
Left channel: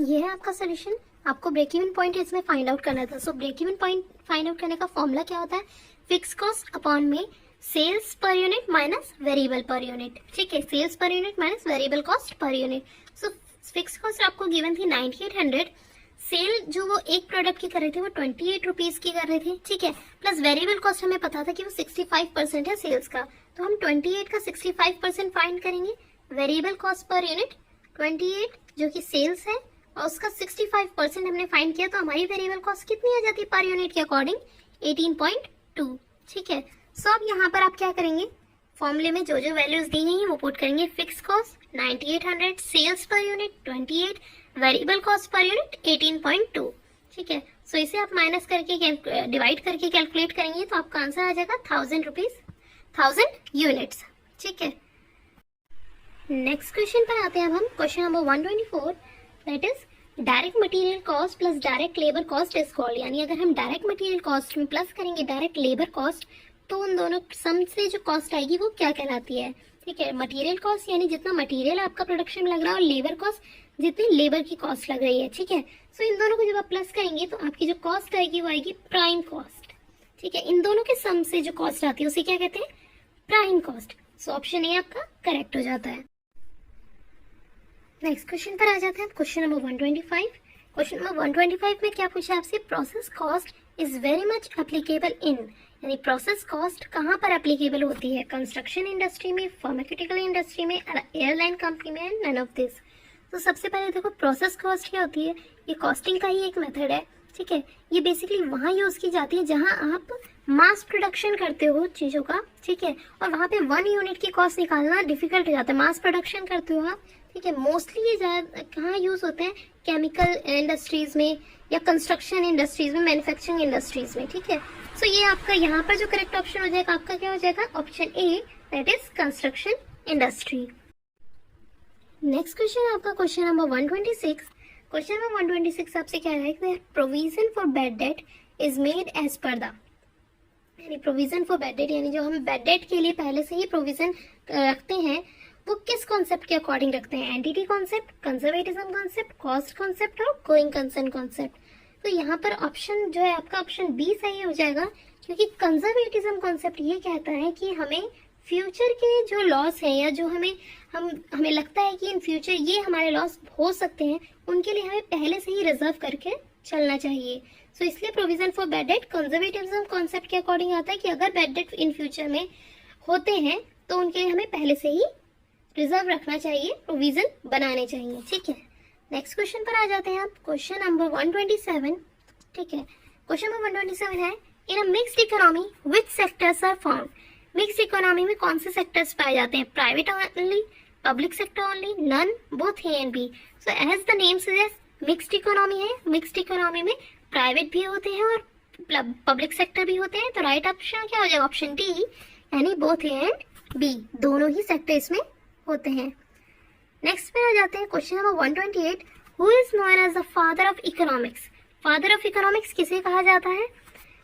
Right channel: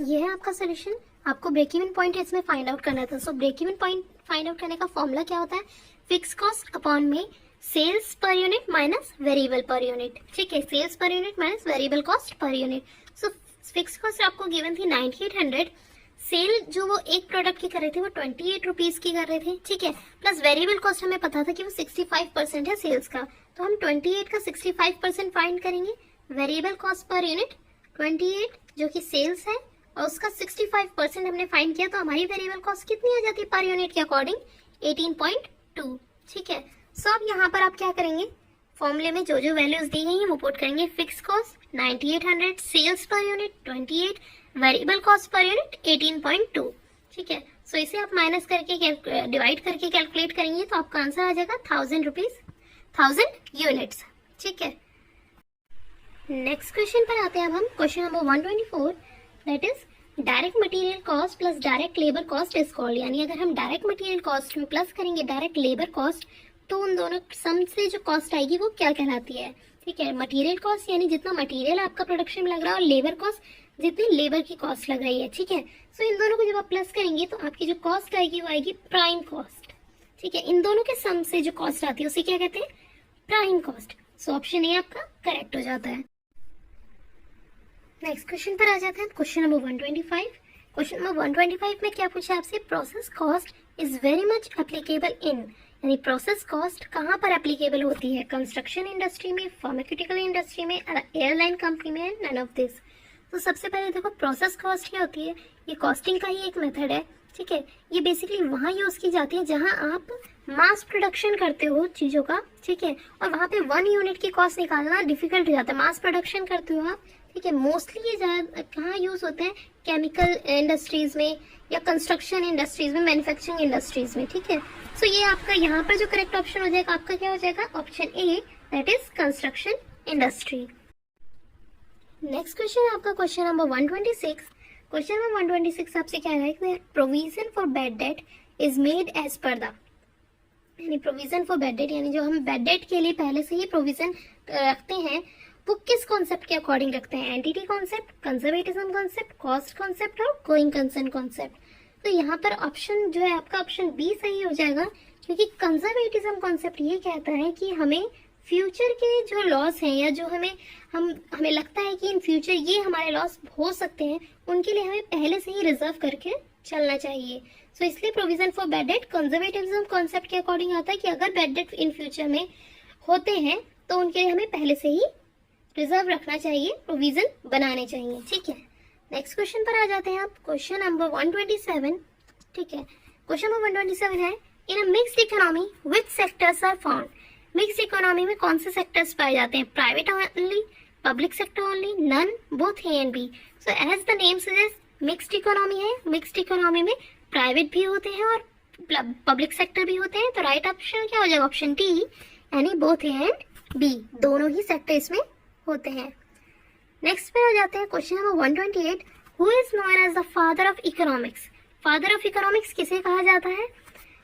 ये है आपका सोल्यूशन, आपको ब्रेक इवन पॉइंट इसमें फाइंड आउट करना था। So break even point find out करने का फॉर्मूला क्या होता है, फिक्स कॉस्ट अपॉन में sales per unit minus variable per unit, ठीक है, sales per unit minus variable cost per unit. So fix cost आपको गिवन थी 9800, सेल जो वो एक प्रोडक्ट की कर रहे थे वो 28 रुपीज की कर रहे थे, ठीक है, प्लस वेरिएबल कॉस्ट हमें पता था कि वो 65% है सेल्स का, तो हम 28 का 65% फाइंड करेंगे, वेरिएबल कॉस्ट पर यूनिट 28 जो कि सेल्स है और उसका 65% हमने फाइंड किया, तो हमारी वेरिएबल कॉस्ट कितनी आ जाती है पर यूनिट के अकॉर्डिंग 18.2, ठीक है। सो अब यहाँ पर आप क्या करेंगे, फॉर्मूले में जो जो वैल्यूज दी गई हैं वो पुट करेंगे, fix cost 9800, sales per unit 28, variable cost per unit 18.2, ठीक है। सो इसे आप माइनस करके डिवाइड करके कैलकुलेट करेंगे तो आपका आंसर आ जाएगा 1000 यूनिट्स, ठीक है। नेक्स्ट क्वेश्चन पर आते हैं अब हम, question number 124, that is direct material cost plus direct labour cost is called, यानी अगर हम डायरेक्ट मटेरियल कॉस्ट में प्लस करेंगे डायरेक्ट लेबर कॉस्ट तो उन दोनों सम से जो कॉस्ट आएगी वो क्या कहलाती है, ठीक है। मटेरियल कॉस्ट यानी जितना मटेरियल आपका प्रोडक्शन में लग रहा है और लेबर कॉस्ट जितनी लेबर की कॉस्ट लग रही है, ठीक है। सो इन दोनों को जब आप प्लस करेंगे तो आपकी जो कॉस्ट आएगी वो आएगी प्राइम कॉस्ट, ठीक है। इन दोनों के सम से जो कॉस्ट आती है उसे क्या कहते हैं, prime cost. So option A आपका करेक्ट हो जाता है। नेक्स्ट क्वेश्चन पर आ जाता है क्वेश्चन नंबर 125, क्वेश्चन नंबर 125 में क्या पूछा आपसे, process cost is very much applicable in, यानी प्रोसेस कॉस्ट कहाँ पर एप्लीकेबल होती है, कंस्ट्रक्शन इंडस्ट्री में, फार्मास्यूटिकल इंडस्ट्री में, एयरलाइन कंपनी में, नन ऑफ दिस। तो सबसे पहले देखो प्रोसेस कॉस्ट क्या होती है, ये कॉस्टिंग का ही एक मेथड है, ठीक है। ये बेसिकली वहाँ यूज की जाती है जहाँ आप मास प्रोडक्शन करते हो चीज़ों का, ठीक है, और वहाँ पे 1 यूनिट की कॉस्ट निकालना डिफिकल्ट हो जाता है। मास प्रोडक्शन करते हो आप, ठीक है, मोस्टली ये ज़्यादा कहाँ यूज होते हैं, केमिकल इंडस्ट्रीज में या कंस्ट्रक्शन इंडस्ट्रीज में, मैन्युफैक्चरिंग इंडस्ट्रीज में, ठीक है। सो ये आपका यहाँ पर जो करेक्ट ऑप्शन हो जाएगा आपका क्या हो जाएगा, option A, that is construction industry. Next question है आपका क्वेश्चन नंबर 126। क्वेश्चन नंबर 126 आपसे क्या है कि provision for bad debt is made as per the, यानी प्रोविजन फॉर बैड डेट, यानी जो हम बैड डेट के लिए पहले से ही प्रोविजन रखते हैं वो किस कॉन्सेप्ट के अकॉर्डिंग रखते हैं, entity concept, conservatism concept, cost concept और गोइंग कंसर्न कॉन्सेप्ट। तो यहाँ पर ऑप्शन जो है आपका ऑप्शन बी सही हो जाएगा, क्योंकि कंजर्वेटिज्म कॉन्सेप्ट ये कहता है कि हमें फ्यूचर के जो लॉस हैं या जो हमें लगता है कि इन फ्यूचर ये हमारे लॉस हो सकते हैं, उनके लिए हमें पहले से ही रिजर्व करके चलना चाहिए। सो इसलिए provision for bad date conservatism concept के अकॉर्डिंग आता है कि अगर बैड डेट इन फ्यूचर में होते हैं तो उनके लिए हमें पहले से ही रिजर्व रखना चाहिए, प्रोविजन बनाने चाहिए, ठीक है। नेक्स्ट क्वेश्चन पर आ जाते हैं आप, क्वेश्चन नंबर 127, ठीक है। क्वेश्चन नंबर 127 है, in a mixed economy which sectors are found, mix economy में कौन से सेक्टर्स पाए जाते हैं, private only, public sector only, none, both A and B. So as the name suggest mixed economy है, मिक्स्ड इकोनॉमी में प्राइवेट भी होते हैं और पब्लिक सेक्टर भी होते हैं। तो राइट ऑप्शन क्या हो जाएगा, ऑप्शन डी, यानी बोथ ए एंड बी, दोनों ही सेक्टर इसमें होते हैं। नेक्स्ट पे आ जाते हैं question number 128, who is known as the father of economics, father of economics किसे कहा जाता है,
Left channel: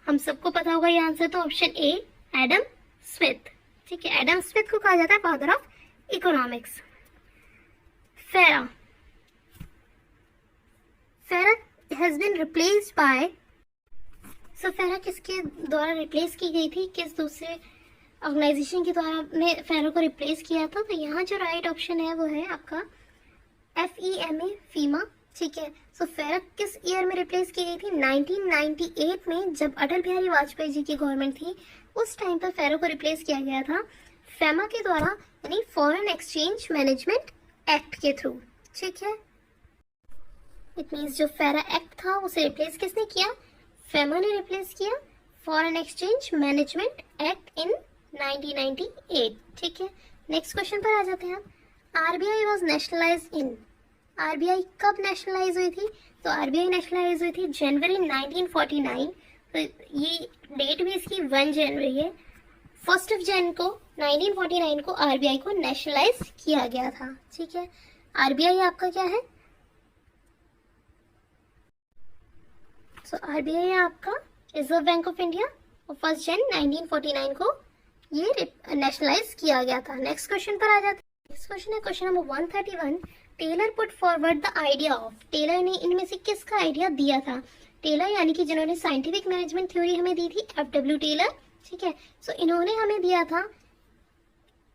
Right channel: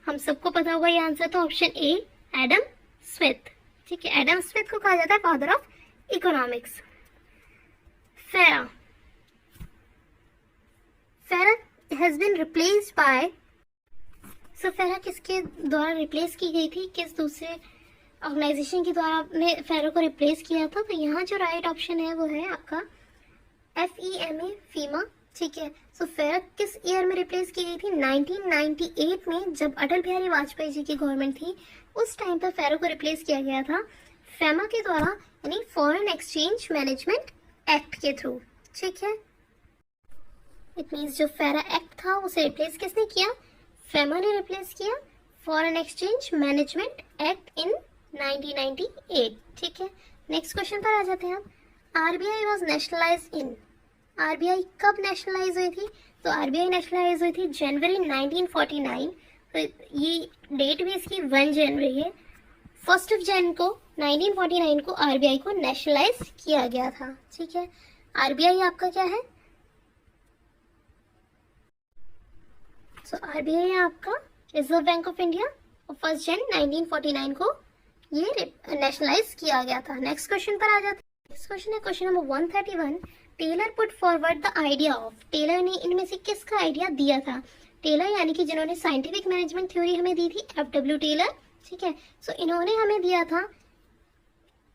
हम सबको पता होगा ये आंसर, तो ऑप्शन ए, एडम स्मिथ, ठीक है, एडम स्मिथ को कहा जाता है फादर ऑफ इकोनॉमिक्स। फेरा, फेरा हैज बीन रिप्लेस्ड बाय, सो फेरा किसके द्वारा रिप्लेस की गई थी, किस दूसरे ऑर्गेनाइजेशन के द्वारा ने फेरा को रिप्लेस किया था। तो यहाँ जो राइट ऑप्शन है वो है आपका FEMA, फीमा, ठीक है। सो फेरा किस ईयर में रिप्लेस की गई थी, 1998 में, जब अटल बिहारी वाजपेयी जी की गवर्नमेंट थी उस टाइम पर फेरा को रिप्लेस किया गया था फेमा के द्वारा, यानी फॉरेन एक्सचेंज मैनेजमेंट एक्ट के थ्रू, ठीक है। इट मींस जो फेरा एक्ट था उसे रिप्लेस किसने किया, फेमा ने रिप्लेस किया foreign exchange management act in 1998, ठीक है। नेक्स्ट क्वेश्चन पर आ जाते हैं आप, RBI was nationalised in, RBI कब नेशनलाइज हुई थी, तो RBI नेशनलाइज हुई थी जनवरी 1949, तो ये डेट भी इसकी 1 जनवरी है। 1 जन को 1949 को RBI को नेशनलाइज किया गया था, ठीक है। RBI आपका क्या है, सो RBI है आपका रिजर्व बैंक ऑफ इंडिया, और 1 जन 1949 को ये नेशनलाइज किया गया था। नेक्स्ट क्वेश्चन पर आ जाते हैं, नेक्स्ट क्वेश्चन है question number 131, Taylor put forward the idea of, Taylor ने इनमें से किसका आइडिया दिया था, टेलर यानी कि जिन्होंने साइंटिफिक मैनेजमेंट थ्योरी हमें दी थी, FW टेलर, ठीक है। सो इन्होंने हमें दिया था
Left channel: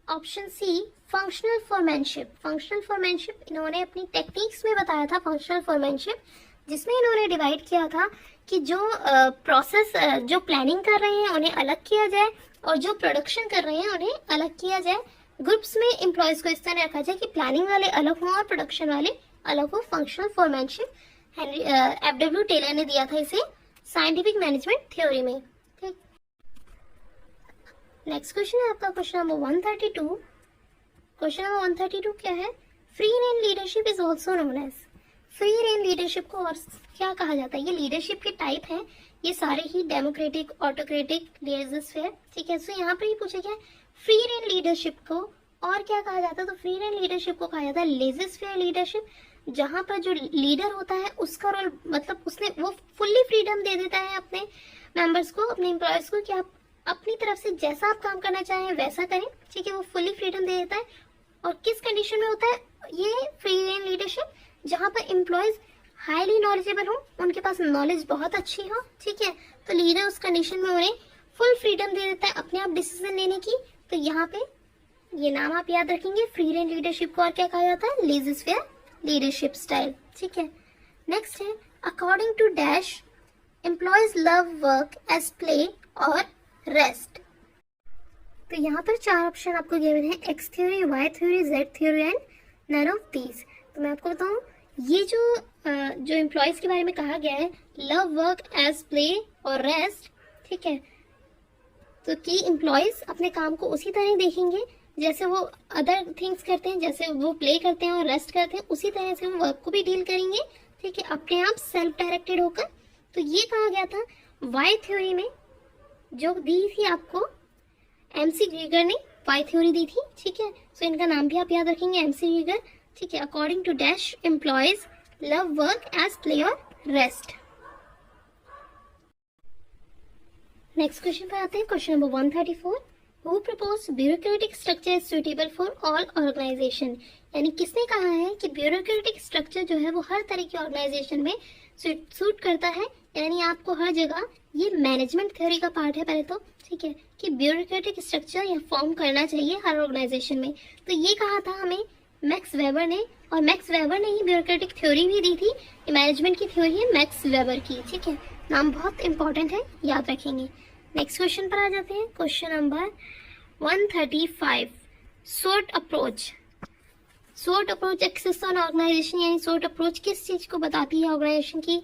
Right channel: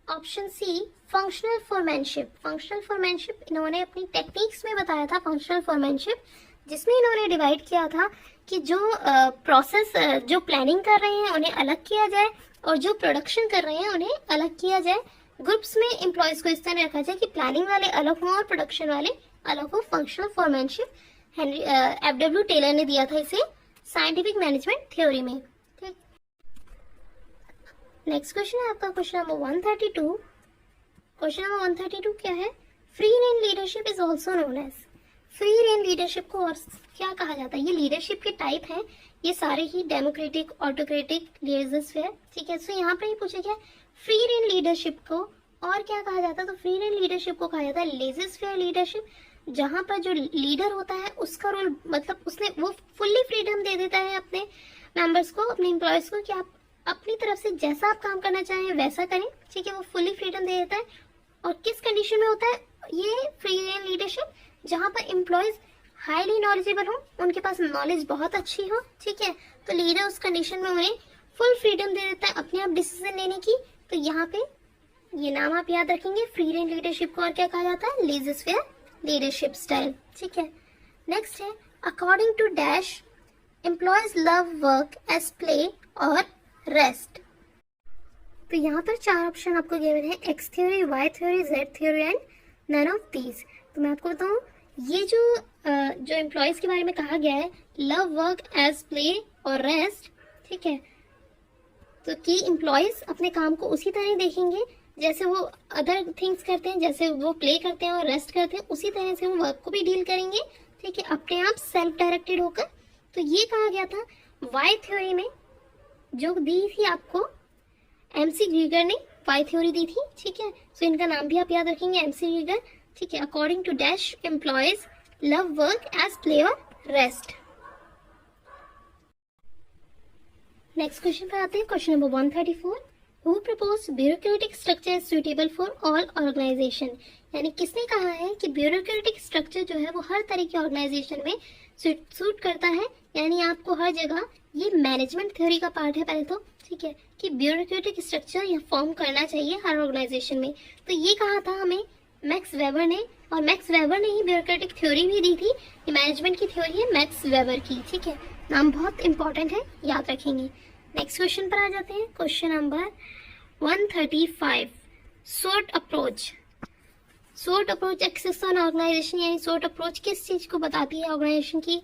option C, functional foremanship, functional foremanship इन्होंने अपनी टेक्निक्स में बताया था, फंक्शनल फॉरमैनशिप, जिसमें इन्होंने डिवाइड किया था कि जो प्रोसेस जो प्लानिंग कर रहे हैं उन्हें अलग किया जाए और जो प्रोडक्शन कर रहे हैं उन्हें अलग किया जाए। ग्रुप्स में एम्प्लॉयज को इस तरह रखा जाए कि प्लानिंग वाले अलग हों और प्रोडक्शन वाले अलग हो, फंक्शनल फॉरमैनशिप FW टेलर ने दिया था इसे साइंटिफिक मैनेजमेंट थ्योरी में, ठीक। नेक्स्ट क्वेश्चन है आपका क्वेश्चन नंबर 132, क्वेश्चन नंबर 132 क्या है, free rein leadership is also known as, free rein leadership को और क्या कहा जाता है, ये लीडरशिप के टाइप हैं, ये सारे ही डेमोक्रेटिक, ऑटोक्रेटिक, लेजर-फेयर, ठीक है। सो यहाँ पर ये पूछा गया फ्री रेन लीडरशिप को और क्या कहा जाता है, तो फ्री रेन लीडरशिप को कहा जाता है लेजर-फेयर लीडरशिप, जहाँ पर जो लीडर होता है उसका रोल, मतलब उसने वो फुल्ली फ्रीडम दे देता है अपने मेंबर्स को, अपने एम्प्लॉयज को, कि आप अपनी तरफ से जैसा आप काम करना चाहें वैसा करें, ठीक है, वो फुल्ली फ्रीडम दे देता है। और किस कंडीशन में होता है ये फ्री रेन लीडरशिप, जहाँ पर एम्प्लॉयज हाईली नॉलेजेबल हो, उनके पास नॉलेज बहुत अच्छी हो, ठीक है, तो लीडर उस कंडीशन में उन्हें फुल फ्रीडम दे देता है अपने आप डिसीजन लेने की। तो यहाँ पे ये नाम आप याद रखेंगे, फ्री रेन लीडरशिप को और क्या कहा जाता है, लेजर-फेयर लीडरशिप स्टाइल, ठीक है। नेक्स्ट है according to dash employees love work as play और रेस्ट। तो यहाँ पर 4 ऑप्शन आपको गिवन है, X theory, Y theory, Z theory and none of these. तो मैं आपको बताऊँ, ये जो एम्प्लॉयज के बारे में कहा गया है, लव वर्क एज प्ले और रेस्ट, ठीक है, तो कि एम्प्लॉयज अपने काम को उसी तरह देखेंगे जैसे वो अदर थिंग्स करते हैं, जैसे वो प्ले करते हैं और रेस्ट करते हैं, उसी तरह से वो वर्क को भी डील करेंगे, ठीक है, अपने आप सेल्फ डायरेक्टेड होकर। तो ये कहा गया था वाई थ्योरी में, जो दी थी आपको एमसी ग्रीगर ने वाई थ्योरी दी थी, ठीक है। सो इनका नाम भी आप याद रखेंगे, एमसी ग्रीगर, ठीक है। According to dash employees love work as play और रेस्ट। नेक्स्ट क्वेश्चन पर आते हैं, question number 134। Who proposed bureaucratic structure is suitable for all organization? यानी किसने कहा है कि ब्यूरोक्रेटिक स्ट्रक्चर जो है वो हर तरह के ऑर्गेनाइजेशन में सूट करता है, यानी आपको हर जगह, ये मैनेजमेंट थ्योरी का पार्ट है पहले तो, ठीक है, कि ब्यूरोक्रेटिक स्ट्रक्चर या फॉर्म करना चाहिए हर ऑर्गेनाइजेशन में। तो ये कहा था हमें मैक्स वेबर ने, और मैक्स वेबर ने ही ब्यूरोक्रेटिक थ्योरी भी दी थी। मैनेजमेंट की थ्योरी है मैक्स वेबर की, ठीक है, नाम बहुत इंपॉर्टेंट है, याद रखेंगे। नेक्स्ट क्वेश्चन पर आ जाते हैं, question number 135। Sort approach. Sort approach exist on organisation, यानी सोर्ट अप्रोच किस चीज को बताती है ऑर्गेनाइजेशन की,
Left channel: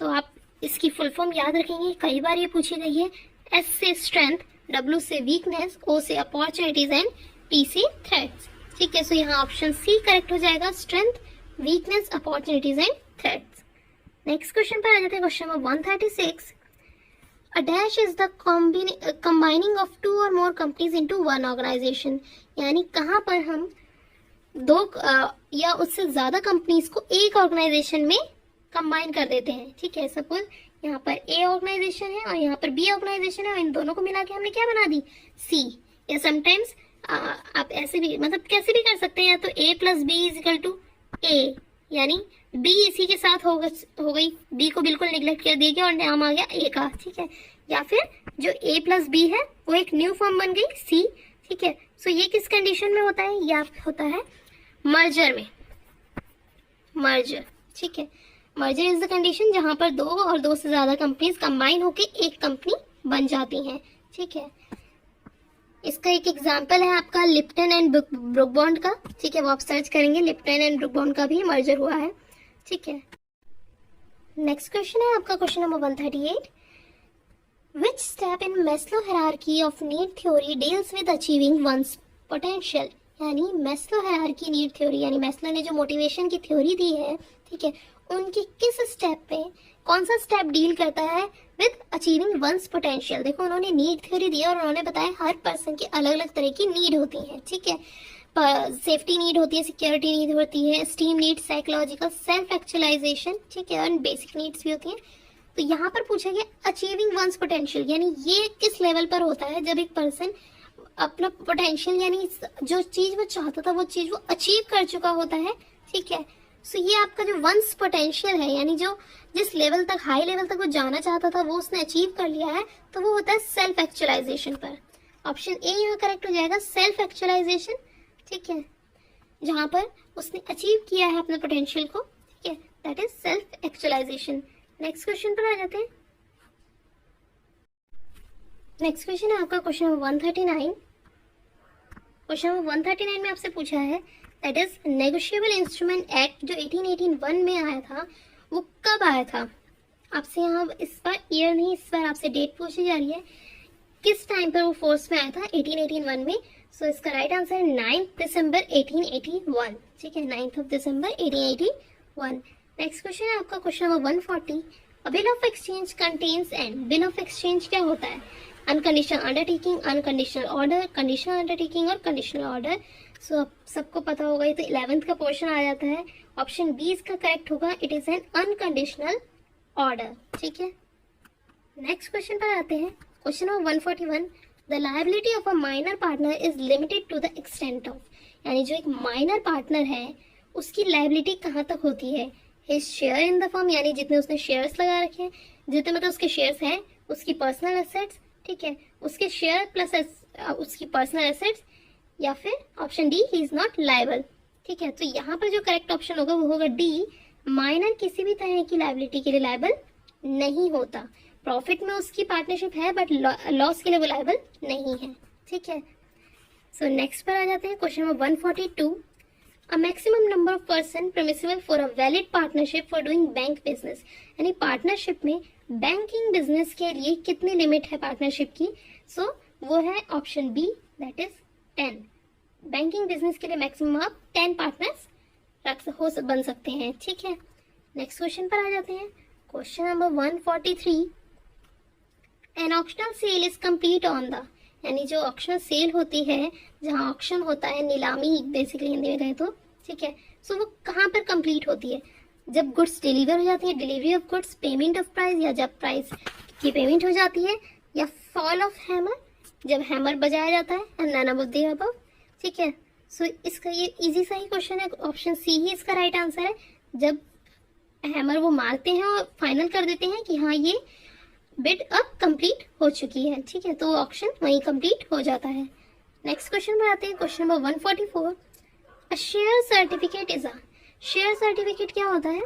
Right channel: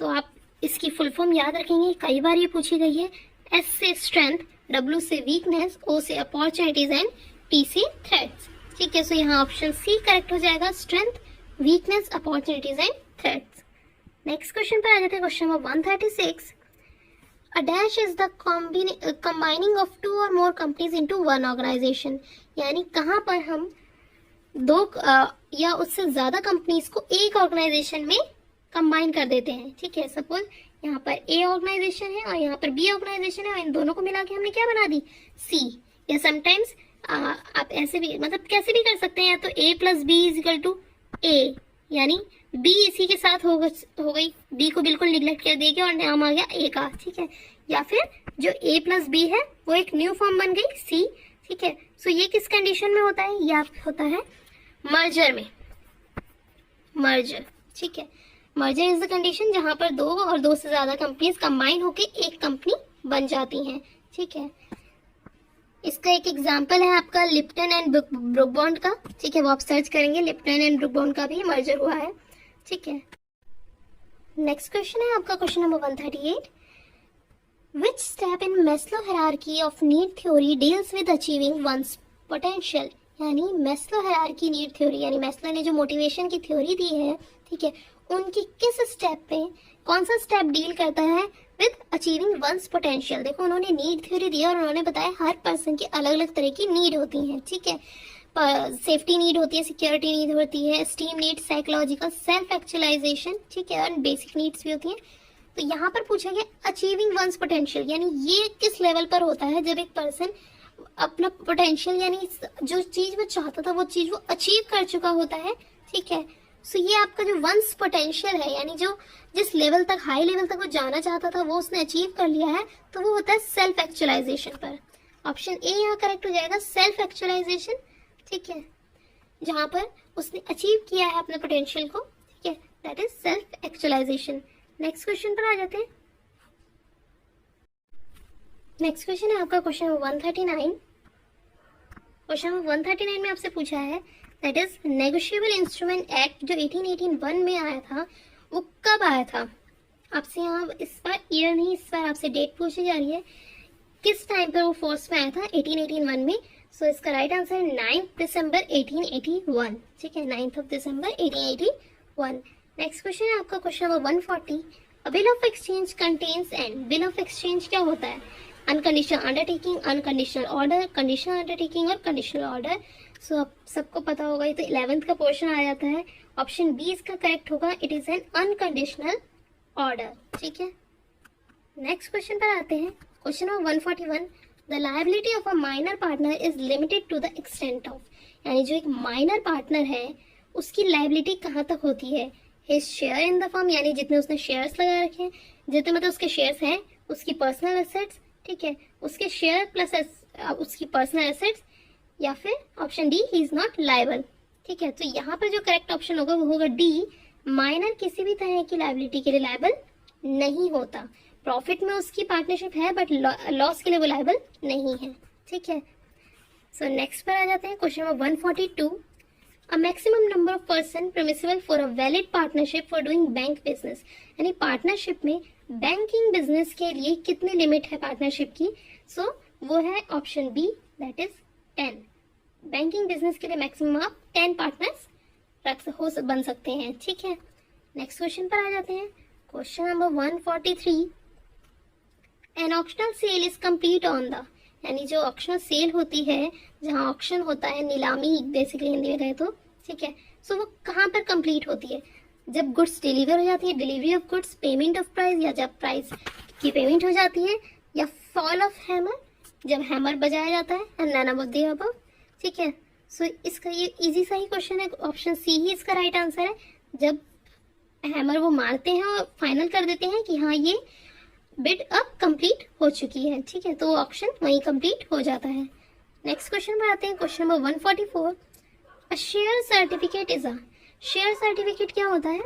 तो आप इसकी फुल फॉर्म याद रखेंगे, कई बार ये पूछी गई है। एस से स्ट्रेंथ, डब्ल्यू से वीकनेस, ओ से अपॉर्चुनिटीज एंड टी से थ्रेट्स, ठीक है। सो यहाँ ऑप्शन सी करेक्ट हो जाएगा, strength, weakness, opportunities and threats. Next question पर आ जाते हैं, question number 136। A dash is the combining of 2 or more companies into one organization, यानी कहाँ पर हम दो या उससे ज्यादा कंपनीज को एक ऑर्गेनाइजेशन में कंबाइन कर देते हैं, ठीक है। सपोज यहाँ पर ए ऑर्गेनाइजेशन है और यहाँ पर बी ऑर्गेनाइजेशन है, और इन दोनों को मिला के हमने क्या बना दी, सी। या समटाइम्स आप ऐसे भी, मतलब कैसे भी कर सकते हैं, या तो A plus B is equal to A, यानी बी इसी के साथ हो गई, बी को बिल्कुल निगलेक्ट कर दिया गया और नाम आ गया ए का, ठीक है। या फिर जो ए प्लस बी है वो एक न्यू फॉर्म बन गई सी, ठीक है। सो ये किस कंडीशन में होता है, या होता है मर्जर में, मर्जर, ठीक है। मर्जर इज द कंडीशन जहां पर 2 और 2 से ज्यादा कंपनीज कंबाइन होके एक कंपनी बन जाती हैं, ठीक है। इसका एक एग्जांपल है आपका लिप्टन एंड ब्रुक बॉन्ड का, ठीक है, वो आप सर्च करेंगे, लिप्टन एंड ब्रुक बॉन्ड का भी मर्जर हुआ है, ठीक है। नेक्स्ट क्वेश्चन है आपका question number 138। Which step in Maslow hierarchy of need theory deals with achieving one's potential, यानी मैस्लो हायरार्की नीड थ्योरी, यानी मैस्लो ने जो मोटिवेशन की थ्योरी दी है, ठीक है, उनकी किस स्टेप पे कौन सा स्टेप डील करता है विद अचीविंग वंस पोटेंशियल। देखो उन्होंने नीड थ्योरी दी और उन्होंने बताया हर पर्सन की अलग अलग तरह की नीड होती है, ठीक है। सेफ्टी नीड होती है, सिक्योरिटी नीड होती है, esteem need, psychological, self actualisation, ठीक है, और बेसिक नीड्स भी होती है। तो यहाँ पर पूछा गया अचीविंग वंस पोटेंशियल, यानी ये किस लेवल पर होता है जब एक पर्सन अपना पोटेंशियल, यानी जो चीज वो चाहता था वो चीज वो अचीव कर चुका होता है, ठीक है। सो ये आपका जो वंस पोटेंशियल है, यानी जो जिस लेवल तक, हाई लेवल तक वो जाना चाहता था वो उसने अचीव कर लिया है, तो वो होता है सेल्फ एक्चुअलाइजेशन पर। ऑप्शन ए यहाँ करेक्ट हो जाएगा, सेल्फ एक्चुअलाइजेशन, ठीक है, जहां पर उसने अचीव किया है अपने पोटेंशियल को, ठीक है, that is self actualisation. Next question पर आ जाते हैं। नेक्स्ट क्वेश्चन है आपका क्वेश्चन नंबर 139। क्वेश्चन नंबर 139 में आपसे पूछा है that is negotiable instrument act जो 1881 में आया था, वो कब आया था। आपसे यहाँ इस बार ईयर नहीं, इस बार आपसे डेट पूछी जा रही है, किस टाइम पर वो फोर्स में आया था 1881 में। सो इसका राइट आंसर है 9 दिसंबर 1881, ठीक है, 9 दिसंबर 1881। नेक्स्ट क्वेश्चन है आपका question number 140। A bill of exchange contains and, bill of exchange क्या होता है, unconditional undertaking, unconditional order, conditional undertaking और कंडीशनल ऑर्डर। सो सबको पता होगा, ये तो 11th का पोर्शन आ जाता है। ऑप्शन बी इसका करेक्ट होगा, it is an unconditional order, ठीक है। नेक्स्ट क्वेश्चन पर आते हैं, question number 141। The liability of a minor partner is limited to the extent of, यानी जो एक माइनर पार्टनर है उसकी लायबिलिटी कहाँ तक होती है, his share in the firm, यानी जितने उसने शेयर्स लगा रखे हैं, जितने मतलब उसके शेयर्स हैं, उसकी पर्सनल एसेट्स, ठीक है, उसके शेयर प्लस उसकी पर्सनल एसेट्स, या फिर option D he is not liable, ठीक है। तो यहाँ पर जो करेक्ट ऑप्शन होगा वो होगा डी, माइनर किसी भी तरह की लायबिलिटी के लिए लायबल नहीं होता। प्रॉफिट में उसकी पार्टनरशिप है बट लॉस के लिए वो लायबल नहीं है, ठीक है। सो नेक्स्ट पर आ जाते हैं, question number 142। A maximum number of person permissible for a valid partnership for doing bank business, यानी पार्टनरशिप में बैंकिंग बिजनेस के लिए कितनी लिमिट है पार्टनरशिप की। सो वो है option B, that is 10। Banking business के लिए मैक्सिमम आप 10 पार्टनर्स बन सकते हैं, ठीक है। नेक्स्ट क्वेश्चन पर आ जाते हैं, question number 143। An auctional sale is complete on the, यानी जो ऑक्शन सेल होती है, जहाँ ऑक्शन होता है, नीलामी बेसिकली हिंदी में कहें तो, ठीक है। सो वो कहाँ पर कंप्लीट होती है, जब गुड्स डिलीवर हो जाती है, delivery of goods, payment of price, या जब प्राइस की पेमेंट हो जाती है, या फॉल ऑफ हैमर, जब हैमर बजाया जाता है, and none of the above, ठीक है। सो इसका ये इजी सा ही क्वेश्चन है, ऑप्शन सी ही इसका राइट आंसर है। जब हैमर वो मारते हैं और फाइनल कर देते हैं कि हाँ ये बिड अब कंप्लीट हो चुकी है, ठीक है, तो वो ऑप्शन वहीं कंप्लीट हो जाता है। नेक्स्ट क्वेश्चन पर आते हैं, question number 144। A share certificate is a, share certificate क्या होता है।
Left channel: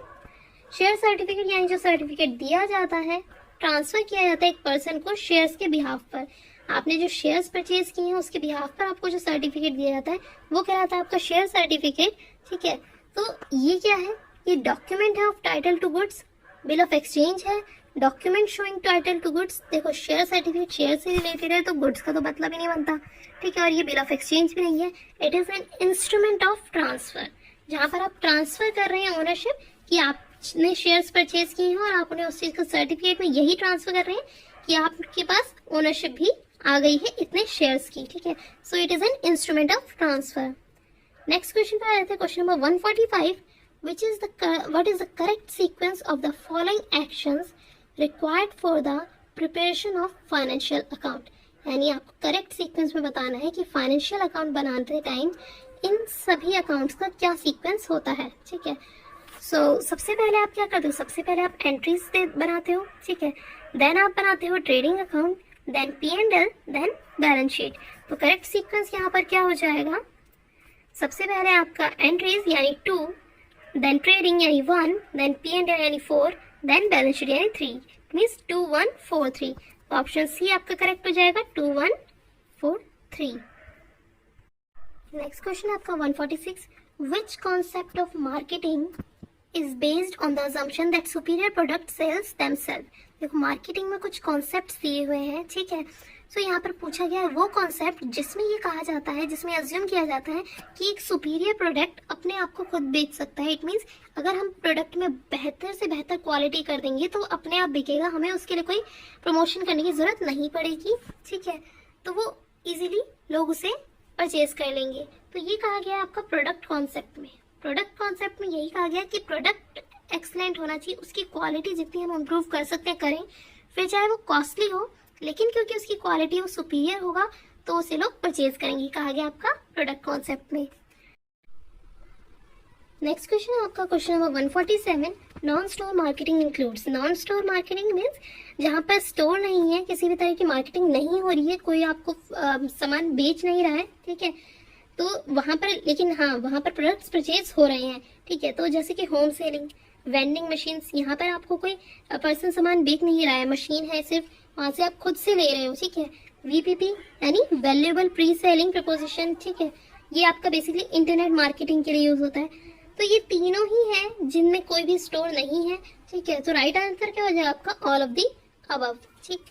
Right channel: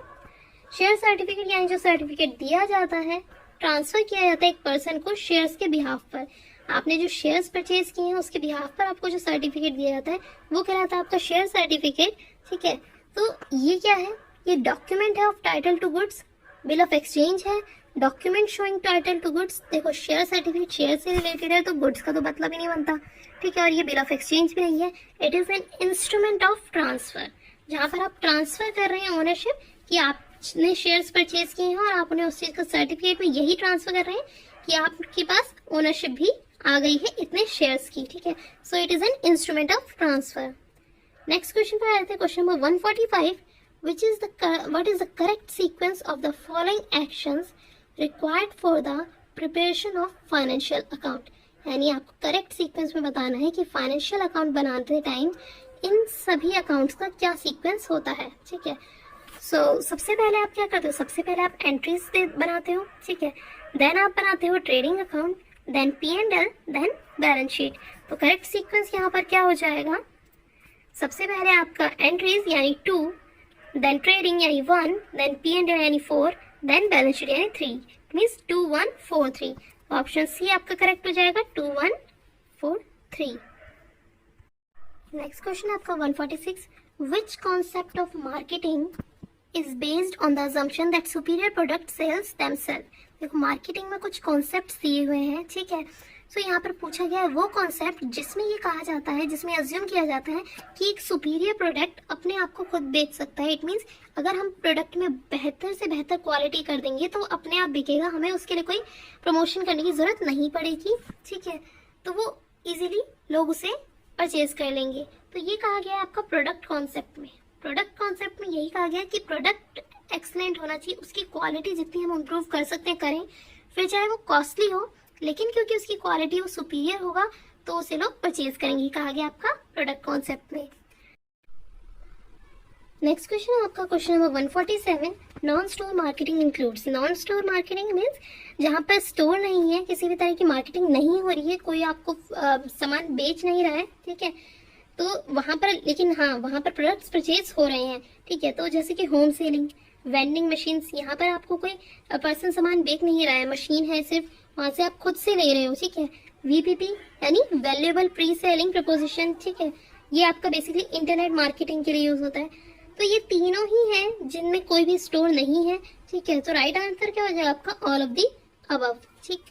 शेयर सर्टिफिकेट यानी जो सर्टिफिकेट दिया जाता है, ट्रांसफर किया जाता है एक पर्सन को शेयर्स के बिहाफ पर। आपने जो शेयर्स परचेज किए हैं उसके बिहाफ पर आपको जो सर्टिफिकेट दिया जाता है वो कहलाता है आपका शेयर सर्टिफिकेट, ठीक है। तो ये क्या है, ये डॉक्यूमेंट है of title to goods, bill of exchange है, document showing title to goods. देखो शेयर सर्टिफिकेट शेयर से रिलेटेड है तो गुड्स का तो मतलब ही नहीं बनता, ठीक है, और ये बिल ऑफ एक्सचेंज भी नहीं है। It is an instrument of transfer, जहां पर आप ट्रांसफर कर रहे हैं ओनरशिप, कि आपने शेयर्स परचेज किए हैं और आप उन्हें उस चीज का सर्टिफिकेट में यही ट्रांसफर कर रहे हैं कि आपके पास ओनरशिप भी आ गई है इतने शेयर्स की, ठीक है। So it is an instrument of transfer. Next question पर आ जाते हैं, question number 145। What is the correct sequence of the following actions required for the preparation of financial account, यानी आपको करेक्ट सीक्वेंस में बताना है कि फाइनेंशियल अकाउंट बनाते टाइम इन सभी अकाउंट्स का क्या सीक्वेंस होता है, ठीक है। सो सबसे पहले आप क्या करते हो, सबसे पहले आप एंट्रीज बनाते हो, ठीक है, देन आप बनाते हो trading account, then P&L, then balance sheet. तो करेक्ट सीक्वेंस यहाँ पर क्या हो जाएगा, सबसे पहले आपका एंट्रीज यानी 2, देन ट्रेडिंग यानी 1, देन P&L यानी 4, देन बैलेंस शीट यानी 3, मींस 2 1 4 3। ऑप्शन सी आपका करेक्ट हो जाएगा, 2 1 4 3। नेक्स्ट क्वेश्चन आपका 146। Which concept of marketing is based on the assumption that superior product sells themself. देखो मार्केटिंग में कुछ कॉन्सेप्ट्स दिए हुए हैं, ठीक है। सो यहाँ पर पूछा गया है वो कॉन्सेप्ट जिसमें ये कहा जाता है, जिसमें अज्यूम किया जाता है कि एक सुपीरियर प्रोडक्ट अपने आप को खुद बेच सकता है। इट मीन्स अगर हम प्रोडक्ट में बेहतर से बेहतर क्वालिटी कर देंगे तो अपने आप बिकेगा, हमें उसके लिए कोई प्रमोशन करने की जरूरत नहीं पड़ेगी, ठीक है, तो वो इजीली लोग उसे परचेज कर लेंगे। तो ये कहा गया है आपका प्रोडक्ट कॉन्सेप्ट में। प्रोडक्ट कॉन्सेप्ट में यही कहा गया कि प्रोडक्ट एक्सलेंट होना चाहिए, उसकी क्वालिटी जितनी हम इम्प्रूव कर सकते हैं करें, फिर चाहे वो कॉस्टली हो, लेकिन क्योंकि उसकी क्वालिटी वो सुपीरियर होगा तो उसे लोग परचेज करेंगे, कहा गया आपका प्रोडक्ट कॉन्सेप्ट में। नेक्स्ट क्वेश्चन है आपका question number 147। Non store marketing includes. Non store marketing means जहाँ पर स्टोर नहीं है, किसी भी तरह की मार्केटिंग नहीं हो रही है, कोई आपको सामान बेच नहीं रहा है, ठीक है, तो वहाँ पर, लेकिन हाँ वहाँ पर प्रोडक्ट्स परचेज हो रहे हैं, ठीक है। तो जैसे कि होम सेलिंग, वेंडिंग मशीन, यहाँ पर आपको कोई पर्सन सामान बेच नहीं रहा है, मशीन है सिर्फ, वहाँ से आप खुद से ले रहे हो, ठीक है। VPP यानी वैल्यूएबल प्री सेलिंग प्रपोजिशन, ठीक है, ये आपका बेसिकली इंटरनेट मार्केटिंग के लिए यूज होता है। तो ये तीनों ही हैं जिनमें कोई भी स्टोर नहीं है, ठीक है। तो राइट आंसर क्या हो जाएगा आपका, ऑल ऑफ दी अबव, ठीक।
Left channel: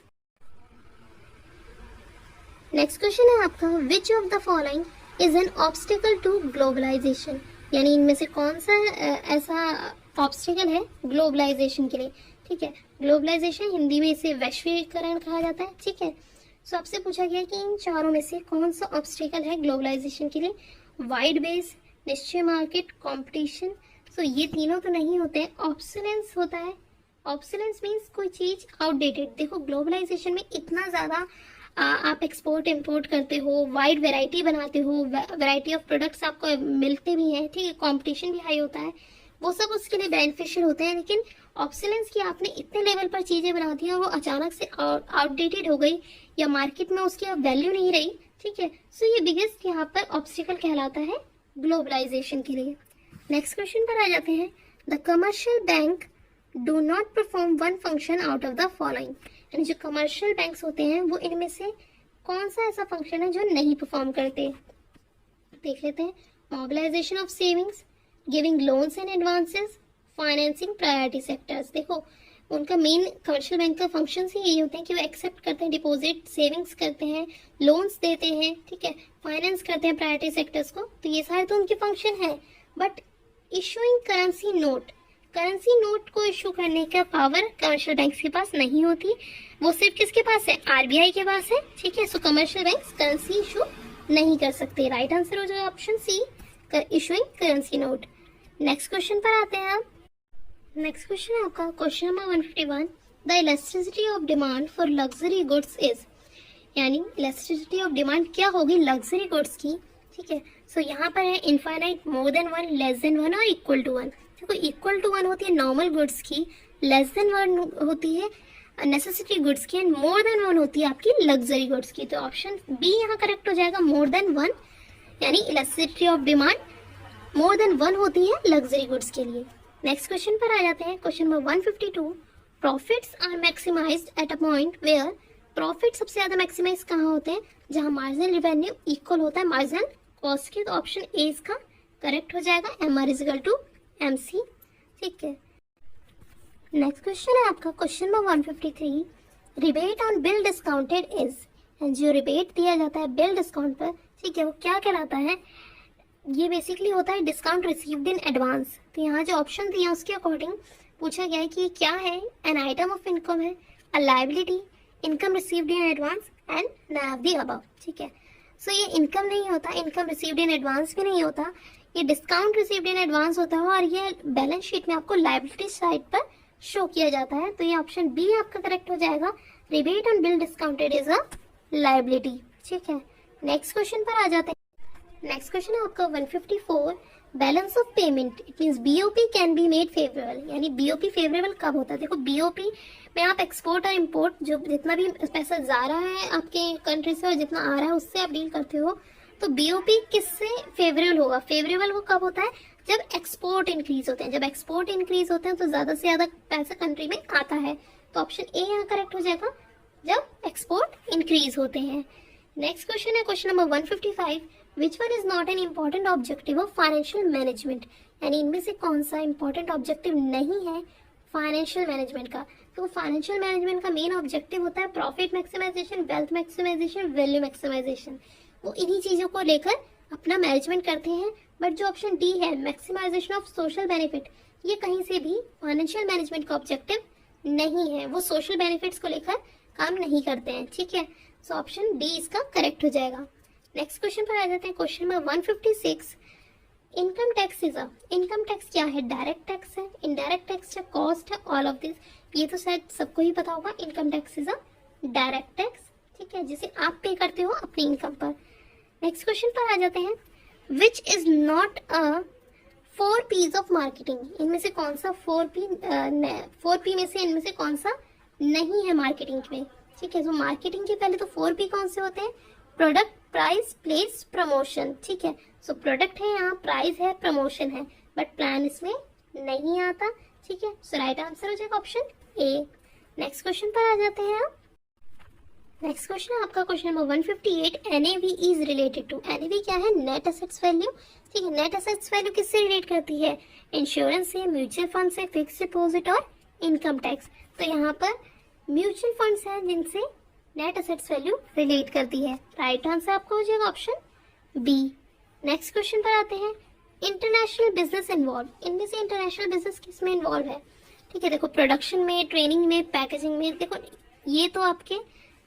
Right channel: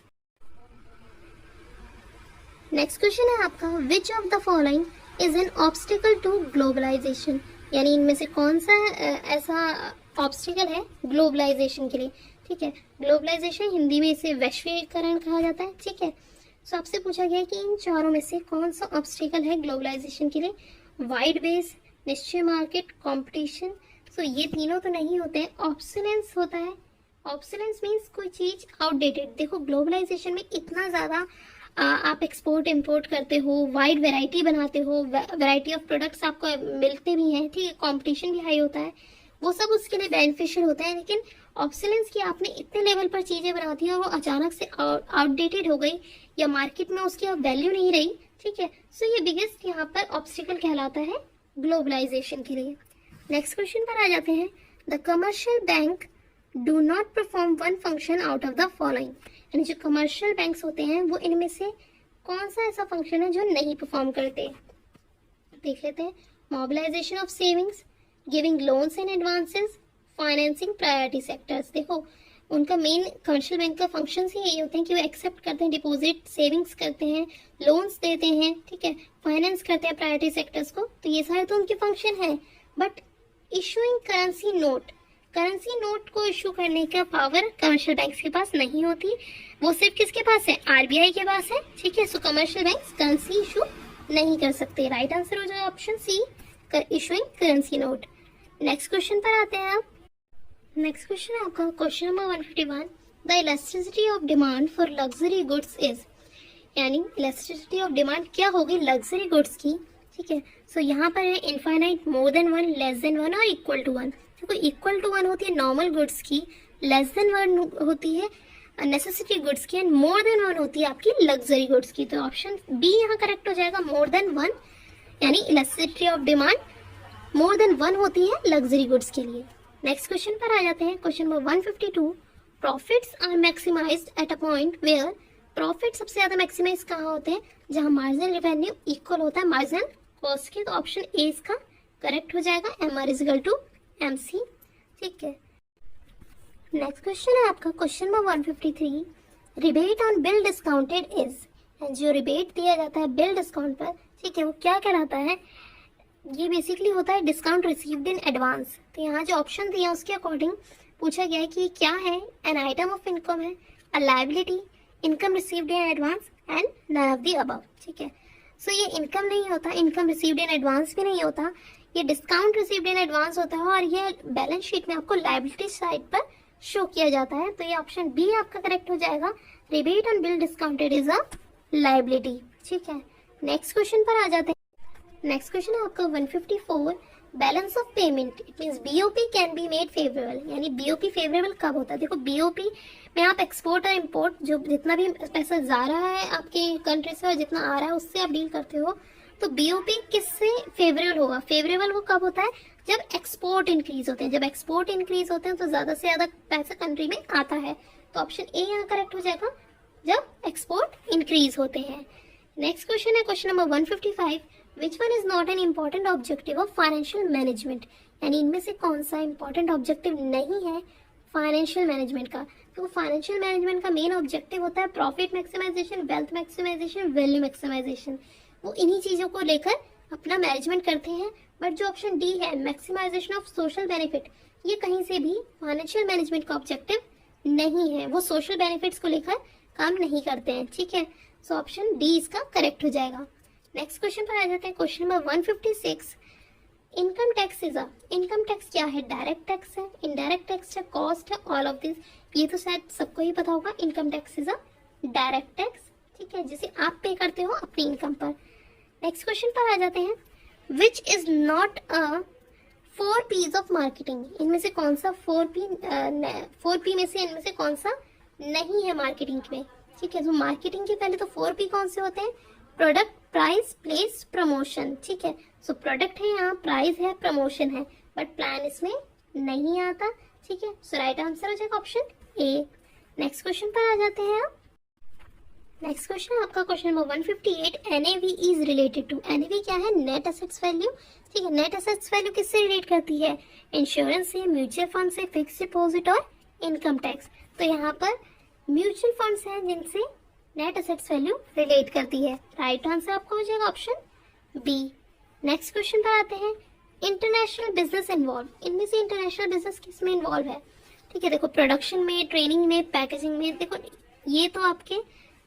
नेक्स्ट क्वेश्चन है आपका, which of the following is an obstacle to globalisation, यानी इनमें से कौन सा ऐसा ऑब्स्टिकल है ग्लोबलाइजेशन के लिए, ठीक है। ग्लोबलाइजेशन हिंदी में इसे वैश्वीकरण कहा जाता है, ठीक है। सो आपसे पूछा गया कि इन चारों में से कौन सा ऑब्स्टिकल है ग्लोबलाइजेशन के लिए, वाइड बेस, निश्चय मार्केट, कंपटीशन। सो ये तीनों तो नहीं होते हैं, ऑब्सोलेंस होता है। ऑब्सोलेंस मीन्स कोई चीज आउटडेटेड। देखो ग्लोबलाइजेशन में इतना ज्यादा आप एक्सपोर्ट इंपोर्ट करते हो, वाइड वैरायटी बनाते हो, वैरायटी ऑफ प्रोडक्ट्स आपको मिलते भी हैं, ठीक है, कंपटीशन भी हाई होता है, वो सब उसके लिए बेनिफिशियल होता है। लेकिन ऑब्सोलेंस की आपने इतने लेवल पर चीजें बना दी और वो अचानक से आउटडेटेड हो गई या मार्केट में उसकी अब वैल्यू नहीं रही, ठीक है। सो ये बिगेस्ट यहाँ पर ऑब्स्टिकल कहलाता है ग्लोबलाइजेशन के लिए। नेक्स्ट क्वेश्चन पर आ जाते हैं, the commercial bank do not perform one function out of the following, यानी जो कमर्शियल बैंक्स होते हैं वो इनमें से कौन सा ऐसा फंक्शन है जो नहीं परफॉर्म करते। देख लेते हैं। Mobilisation of savings, giving loans and advances, financing priority sectors. देखो उनका मेन कमर्शियल बैंक का फंक्शन ही यही होते हैं कि वो एक्सेप्ट करते हैं डिपॉजिट, सेविंग्स करते हैं, लोन्स देते हैं, ठीक है, फाइनेंस करते हैं प्रायोरिटी सेक्टर्स को, तो ये सारे तो उनके फंक्शन है। But issuing currency note, currency note को इशू करने का पावर कमर्शियल बैंक के पास नहीं होती, वो सिर्फ किसके पास है, आरबीआई के पास है, ठीक है। So commercial bank currency issue नहीं कर सकते। राइट आंसर हो जाएगा option C, issuing currency note. Next question पर आते हैं आप। नेक्स्ट क्वेश्चन है आपका question number 151, the elasticity of demand for luxury goods is, यानी इलास्टिसिटी ऑफ डिमांड क्या होगी लग्जरी गुड्स की, ठीक है। सो यहाँ पर है infinite, more than one, less than one और इक्वल टू वन। देखो इक्वल टू वन होती है नॉर्मल गुड्स की, लेस देन वन होती है नेसेसिटी गुड्स की, एंड मोर देन वन होती है आपकी लग्जरी गुड्स की। तो ऑप्शन बी यहाँ करेक्ट हो जाएगा, मोर देन वन, यानी elasticity of demand more than one होती है लग्जरी गुड्स के लिए। नेक्स्ट क्वेश्चन पर आ जाते हैं। Question number 152, profits are maximised at a point where, profit सबसे ज्यादा मैक्सिमाइज कहाँ होते हैं, जहां मार्जिनल रेवेन्यू इक्वल होता है मार्जिनल कॉस्ट की। तो ऑप्शन ए इसका करेक्ट हो जाएगा, M R is equal to M C, ठीक है। नेक्स्ट क्वेश्चन है आपका question number 153, rebate on bill discounted is, जो रिबेट दिया जाता है बिल डिस्काउंट पर, ठीक है, वो क्या कहलाता है। ये बेसिकली होता है डिस्काउंट रिसीव्ड इन एडवांस। तो यहाँ जो ऑप्शन दिया उसके अकॉर्डिंग पूछा गया है कि क्या है, एन आइटम ऑफ इनकम है, a liability, income received in advance and none of the above, ठीक है। सो ये इनकम नहीं होता, इनकम रिसीव्ड इन एडवांस भी नहीं होता, ये डिस्काउंट रिसीव्ड इन एडवांस होता है और ये बैलेंस शीट में आपको लायबिलिटी साइड पर शो किया जाता है। तो ये ऑप्शन बी आपका करेक्ट हो जाएगा, rebate on bill discounted is a liability, ठीक है। नेक्स्ट क्वेश्चन पर आ जाते हैं। नेक्स्ट क्वेश्चन है आपका 154, balance of payment, it means BOP can be made favourable, यानी बीओपी फेवरेबल कब होता है। देखो बीओपी में आप एक्सपोर्ट और इंपोर्ट, जो जितना भी पैसा जा रहा है आपके कंट्री से और जितना आ रहा है उससे आप डील करते हो, तो बीओपी किससे फेवरेबल होगा, फेवरेबल वो कब होता है, जब एक्सपोर्ट इंक्रीज होते हैं। जब एक्सपोर्ट इंक्रीज होते हैं तो ज्यादा से ज्यादा पैसा कंट्री में आता है। तो ऑप्शन ए यहाँ करेक्ट हो जाएगा, जब एक्सपोर्ट इंक्रीज होते हैं। नेक्स्ट क्वेश्चन है question number 155, which one is not an important objective of financial management, यानी इनमें से कौन सा इंपॉर्टेंट ऑब्जेक्टिव नहीं है फाइनेंशियल मैनेजमेंट का। तो फाइनेंशियल मैनेजमेंट का मेन ऑब्जेक्टिव होता है profit maximisation, wealth maximisation, value maximisation, वो इन्हीं चीजों को लेकर अपना मैनेजमेंट करते हैं। बट जो ऑप्शन डी है मैक्सिमाइजेशन ऑफ सोशल बेनिफिट, ये कहीं से भी फाइनेंशियल मैनेजमेंट का ऑब्जेक्टिव नहीं है, वो सोशल बेनिफिट्स को लेकर काम नहीं करते हैं, ठीक है। सो ऑप्शन डी इसका करेक्ट हो जाएगा। नेक्स्ट क्वेश्चन पर आ जाते हैं question number 156, income tax is a, income tax क्या है, डायरेक्ट टैक्स है, इनडायरेक्ट टैक्स है, कॉस्ट है, ऑल ऑफ दिस, ये तो शायद सबको ही पता होगा। Income tax is a direct tax, ठीक है, जिसे आप पे करते हो अपनी इनकम पर। नेक्स्ट क्वेश्चन पर आ जाते हैं, which is not a 4 P's of marketing, इनमें से कौन सा 4P में से इनमें से कौन सा नहीं है मार्केटिंग में, ठीक है। तो मार्केटिंग के पहले तो 4P कौन से होते हैं, प्रोडक्ट, प्राइस, प्लेस, प्रमोशन, ठीक है। सो प्रोडक्ट है यहाँ, प्राइस है, प्रमोशन है, बट प्लान इसमें नहीं आता, ठीक है। सो राइट आंसर हो जाएगा ऑप्शन ए। नेक्स्ट क्वेश्चन पर आ जाते हैं आप। नेक्स्ट क्वेश्चन आपका question number 158, NAV is related to, NAV क्या है, नेट एसेट्स वैल्यू, ठीक है। नेट एसेट्स वैल्यू किससे रिलेट करती है, इंश्योरेंस से, म्यूचुअल फंड से, फिक्स डिपॉजिट और इनकम टैक्स। तो यहाँ पर म्यूचुअल फंड्स हैं जिनसे नेट एसेट्स वैल्यू रिलेट करती है। राइट आंसर आपको हो जाएगा ऑप्शन बी। नेक्स्ट क्वेश्चन पर आते हैं, इंटरनेशनल बिजनेस इन्वॉल्व, इनमें से इंटरनेशनल बिजनेस किसमें इन्वॉल्व है, ठीक है। देखो प्रोडक्शन में, ट्रेनिंग में, पैकेजिंग में, देखो ये तो आपके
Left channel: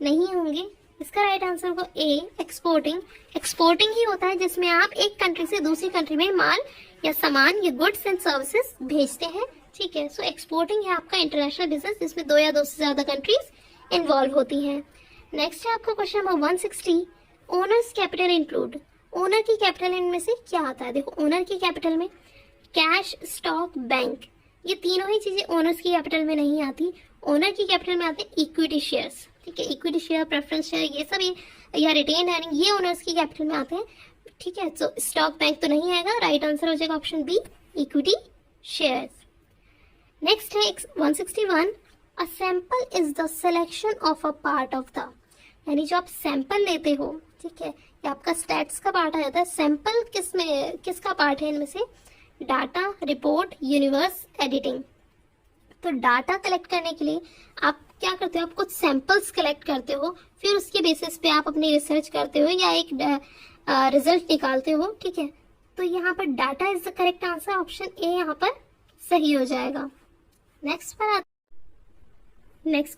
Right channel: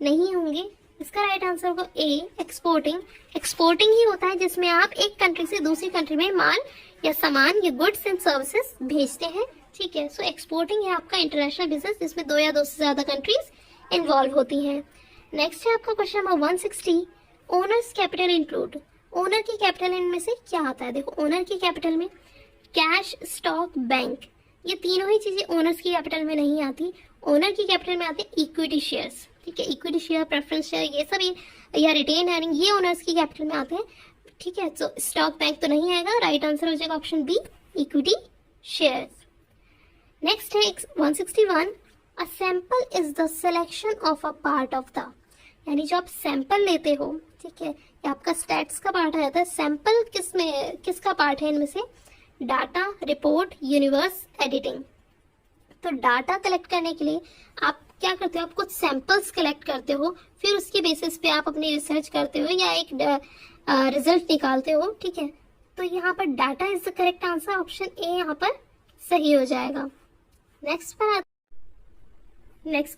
नहीं होंगे। इसका राइट आंसर होगा ए, एक्सपोर्टिंग। एक्सपोर्टिंग ही होता है जिसमें आप एक कंट्री से दूसरी कंट्री में माल या सामान या गुड्स एंड सर्विसेज भेजते हैं, ठीक है। सो एक्सपोर्टिंग है आपका इंटरनेशनल बिजनेस जिसमें 2 या 2 से ज्यादा कंट्रीज इन्वॉल्व होती हैं। नेक्स्ट है आपका question number 160, owners capital include, owner की कैपिटल इनमें से क्या आता है। देखो ओनर की कैपिटल में कैश, स्टॉक, बैंक, ये तीनों ही चीजें ओनर्स की कैपिटल में नहीं आती। ओनर की कैपिटल में आते हैं इक्विटी शेयर्स, ठीक है। इक्विटी शेयर, प्रेफरेंस शेयर, ये सभी या रिटेन अर्निंग, ये ओनर्स की कैपिटल में आते हैं, ठीक है। तो स्टॉक, बैंक तो नहीं आएगा। राइट आंसर हो जाएगा option B, equity shares. Next है 161, a sample is the selection of a part of the, यानी जो आप सैंपल लेते हो, ठीक है, ये आपका स्टैट्स का पार्ट आ जाता है। सैंपल किसका पार्ट है इनमें से? Data, report, universe, editing. तो डाटा कलेक्ट करने के लिए आप क्या करते हो? आप कुछ सैंपल्स कलेक्ट करते हो, फिर उसके बेसिस पे आप अपनी रिसर्च करते हो या एक रिजल्ट निकालते हो, ठीक है। तो यहाँ पर data is the correct answer, option A यहाँ पर सही हो जाएगा। नेक्स्ट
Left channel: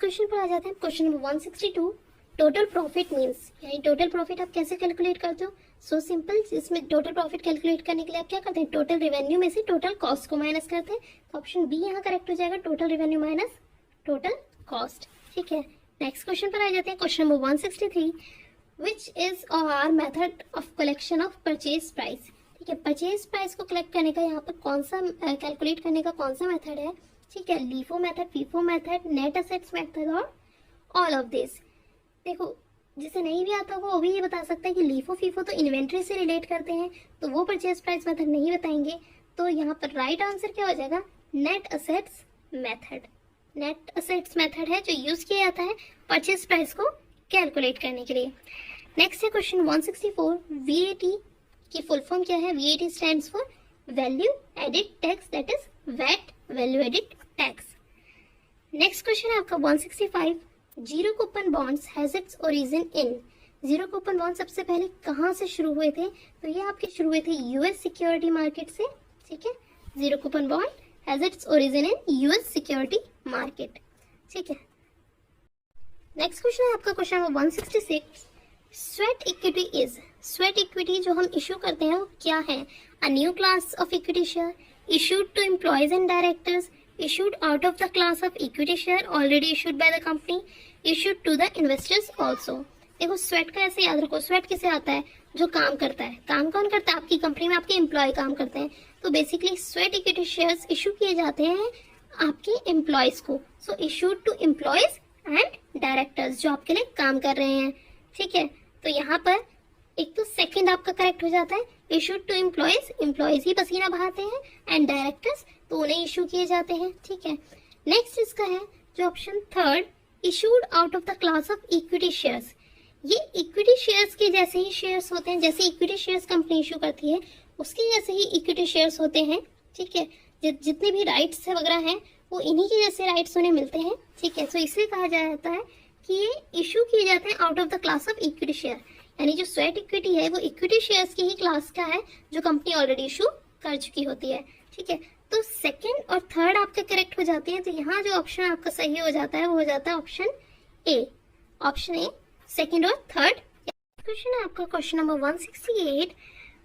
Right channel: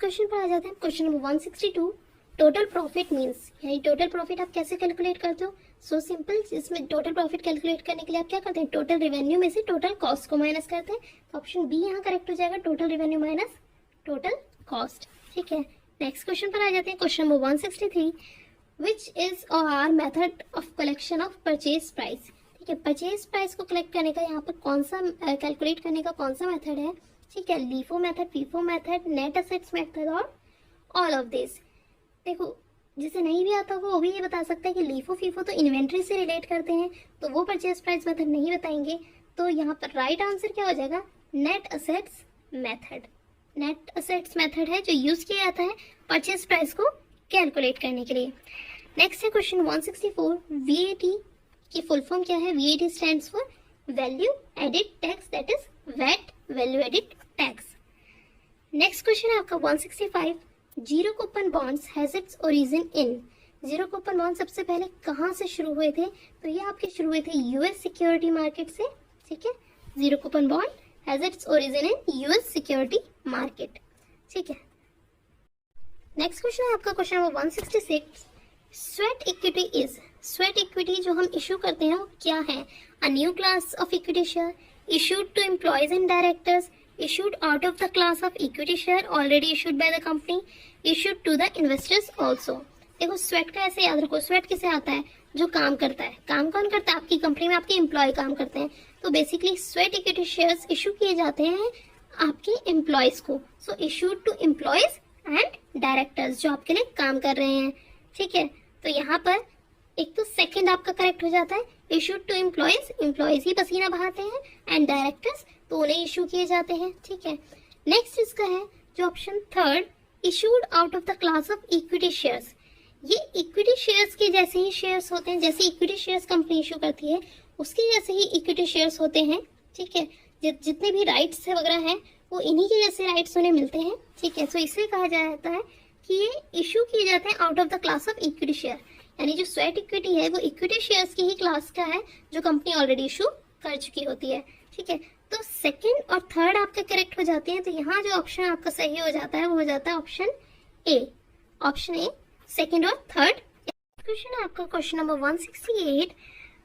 क्वेश्चन पर आ जाते हैं। Question number 162, total profit means, यानी टोटल प्रॉफिट आप कैसे कैलकुलेट करते हो? सो सिंपल, इसमें टोटल प्रॉफिट कैलकुलेट करने के लिए आप क्या करते हैं? टोटल रेवेन्यू में से टोटल कॉस्ट को माइनस करते हैं। तो ऑप्शन बी यहाँ करेक्ट हो जाएगा, total revenue minus total cost, ठीक है। नेक्स्ट क्वेश्चन पर आ जाते हैं। Question number 163, which is our method of collection of purchase price, ठीक है। परचेज प्राइस को कलेक्ट करने का यहाँ पर कौन सा कैलकुलेट करने का कौन सा मेथड है, ठीक है? LIFO method, FIFO method, net assets method और ऑल ऑफ दिस। देखो, जिसे नहीं भी आता होगा वो भी ये बता सकता है कि लीफो फीफो तो इन्वेंट्री से रिलेट करते हैं, तो वो परचेज प्राइस मेथड नहीं बताएंगे। तो यहाँ पर राइट आंसर क्या हो जाएगा? Net assets method. Net assets method है जो यूज किया जाता है परचेज प्राइस को कैलकुलेट करने के लिए। नेक्स्ट है क्वेश्चन 164, वीएटी की फुल फॉर्म क्या है? VAT stands for value added tax, that is VAT, value added tax. Next question है आपका 165, zero coupon bonds has its origin in. Zero coupon bond सबसे पहले कहाँ से शुरू हुए थे? तो ये आपके शुरू हुए थे यूएस सिक्योरिटी मार्केट से, ठीक है। Zero coupon bond has its origin in US security market, ठीक है। नेक्स्ट क्वेश्चन है आपका question number 166, sweat equity is, sweat equity जो हम इशू करते हैं वो क्या है? A new class of equity share issued to employees and directors, issued out of the class of equity share already issued by the company, issued to the investors also। देखो, स्वेट का ऐसे याद रखो, स्वेट किसे आता है? जो काम करता है। काम कौन करता है? आपकी कंपनी में आपके एम्प्लॉय काम करते हैं। तो basically sweat equity shares issue किए जाते हैं आपके एम्प्लॉयज को। So issued to employees and directors जो आपके लिए काम कर रहे हैं, ठीक है। तो यहाँ पर एक तो सेकंड आपका करेक्ट हो जाता है, इशूड टू एम्प्लॉयज, एम्प्लॉयज ही पसीना बहाते हैं, एंड डायरेक्टर्स तो उन्हें इशू किए जाते हैं, ठीक है। नेक्स्ट इसका है जो option third, issued out of the class of equity shares. ये इक्विटी शेयर्स के जैसे ही शेयर्स होते हैं, जैसे इक्विटी शेयर्स कंपनी इशू करती है उसके जैसे ही इक्विटी शेयर्स होते हैं, ठीक है। जितने भी राइट्स है वगैरह हैं वो इन्हीं के जैसे राइट्स उन्हें मिलते हैं, ठीक है। तो इसलिए कहा जाता है कि ये इशू किए जाते हैं out of the class of equity share, यानी जो स्वेट इक्विटी है वो इक्विटी शेयर्स की ही क्लास का है जो कंपनी ऑलरेडी इशू कर चुकी होती है, ठीक है। तो सेकंड और थर्ड आपके करेक्ट हो जाते हैं। तो यहाँ जो ऑप्शन आपका सही हो जाता है वो हो जाता है option A, option A, second और थर्ड। क्वेश्चन है आपका क्वेश्चन नंबर 168।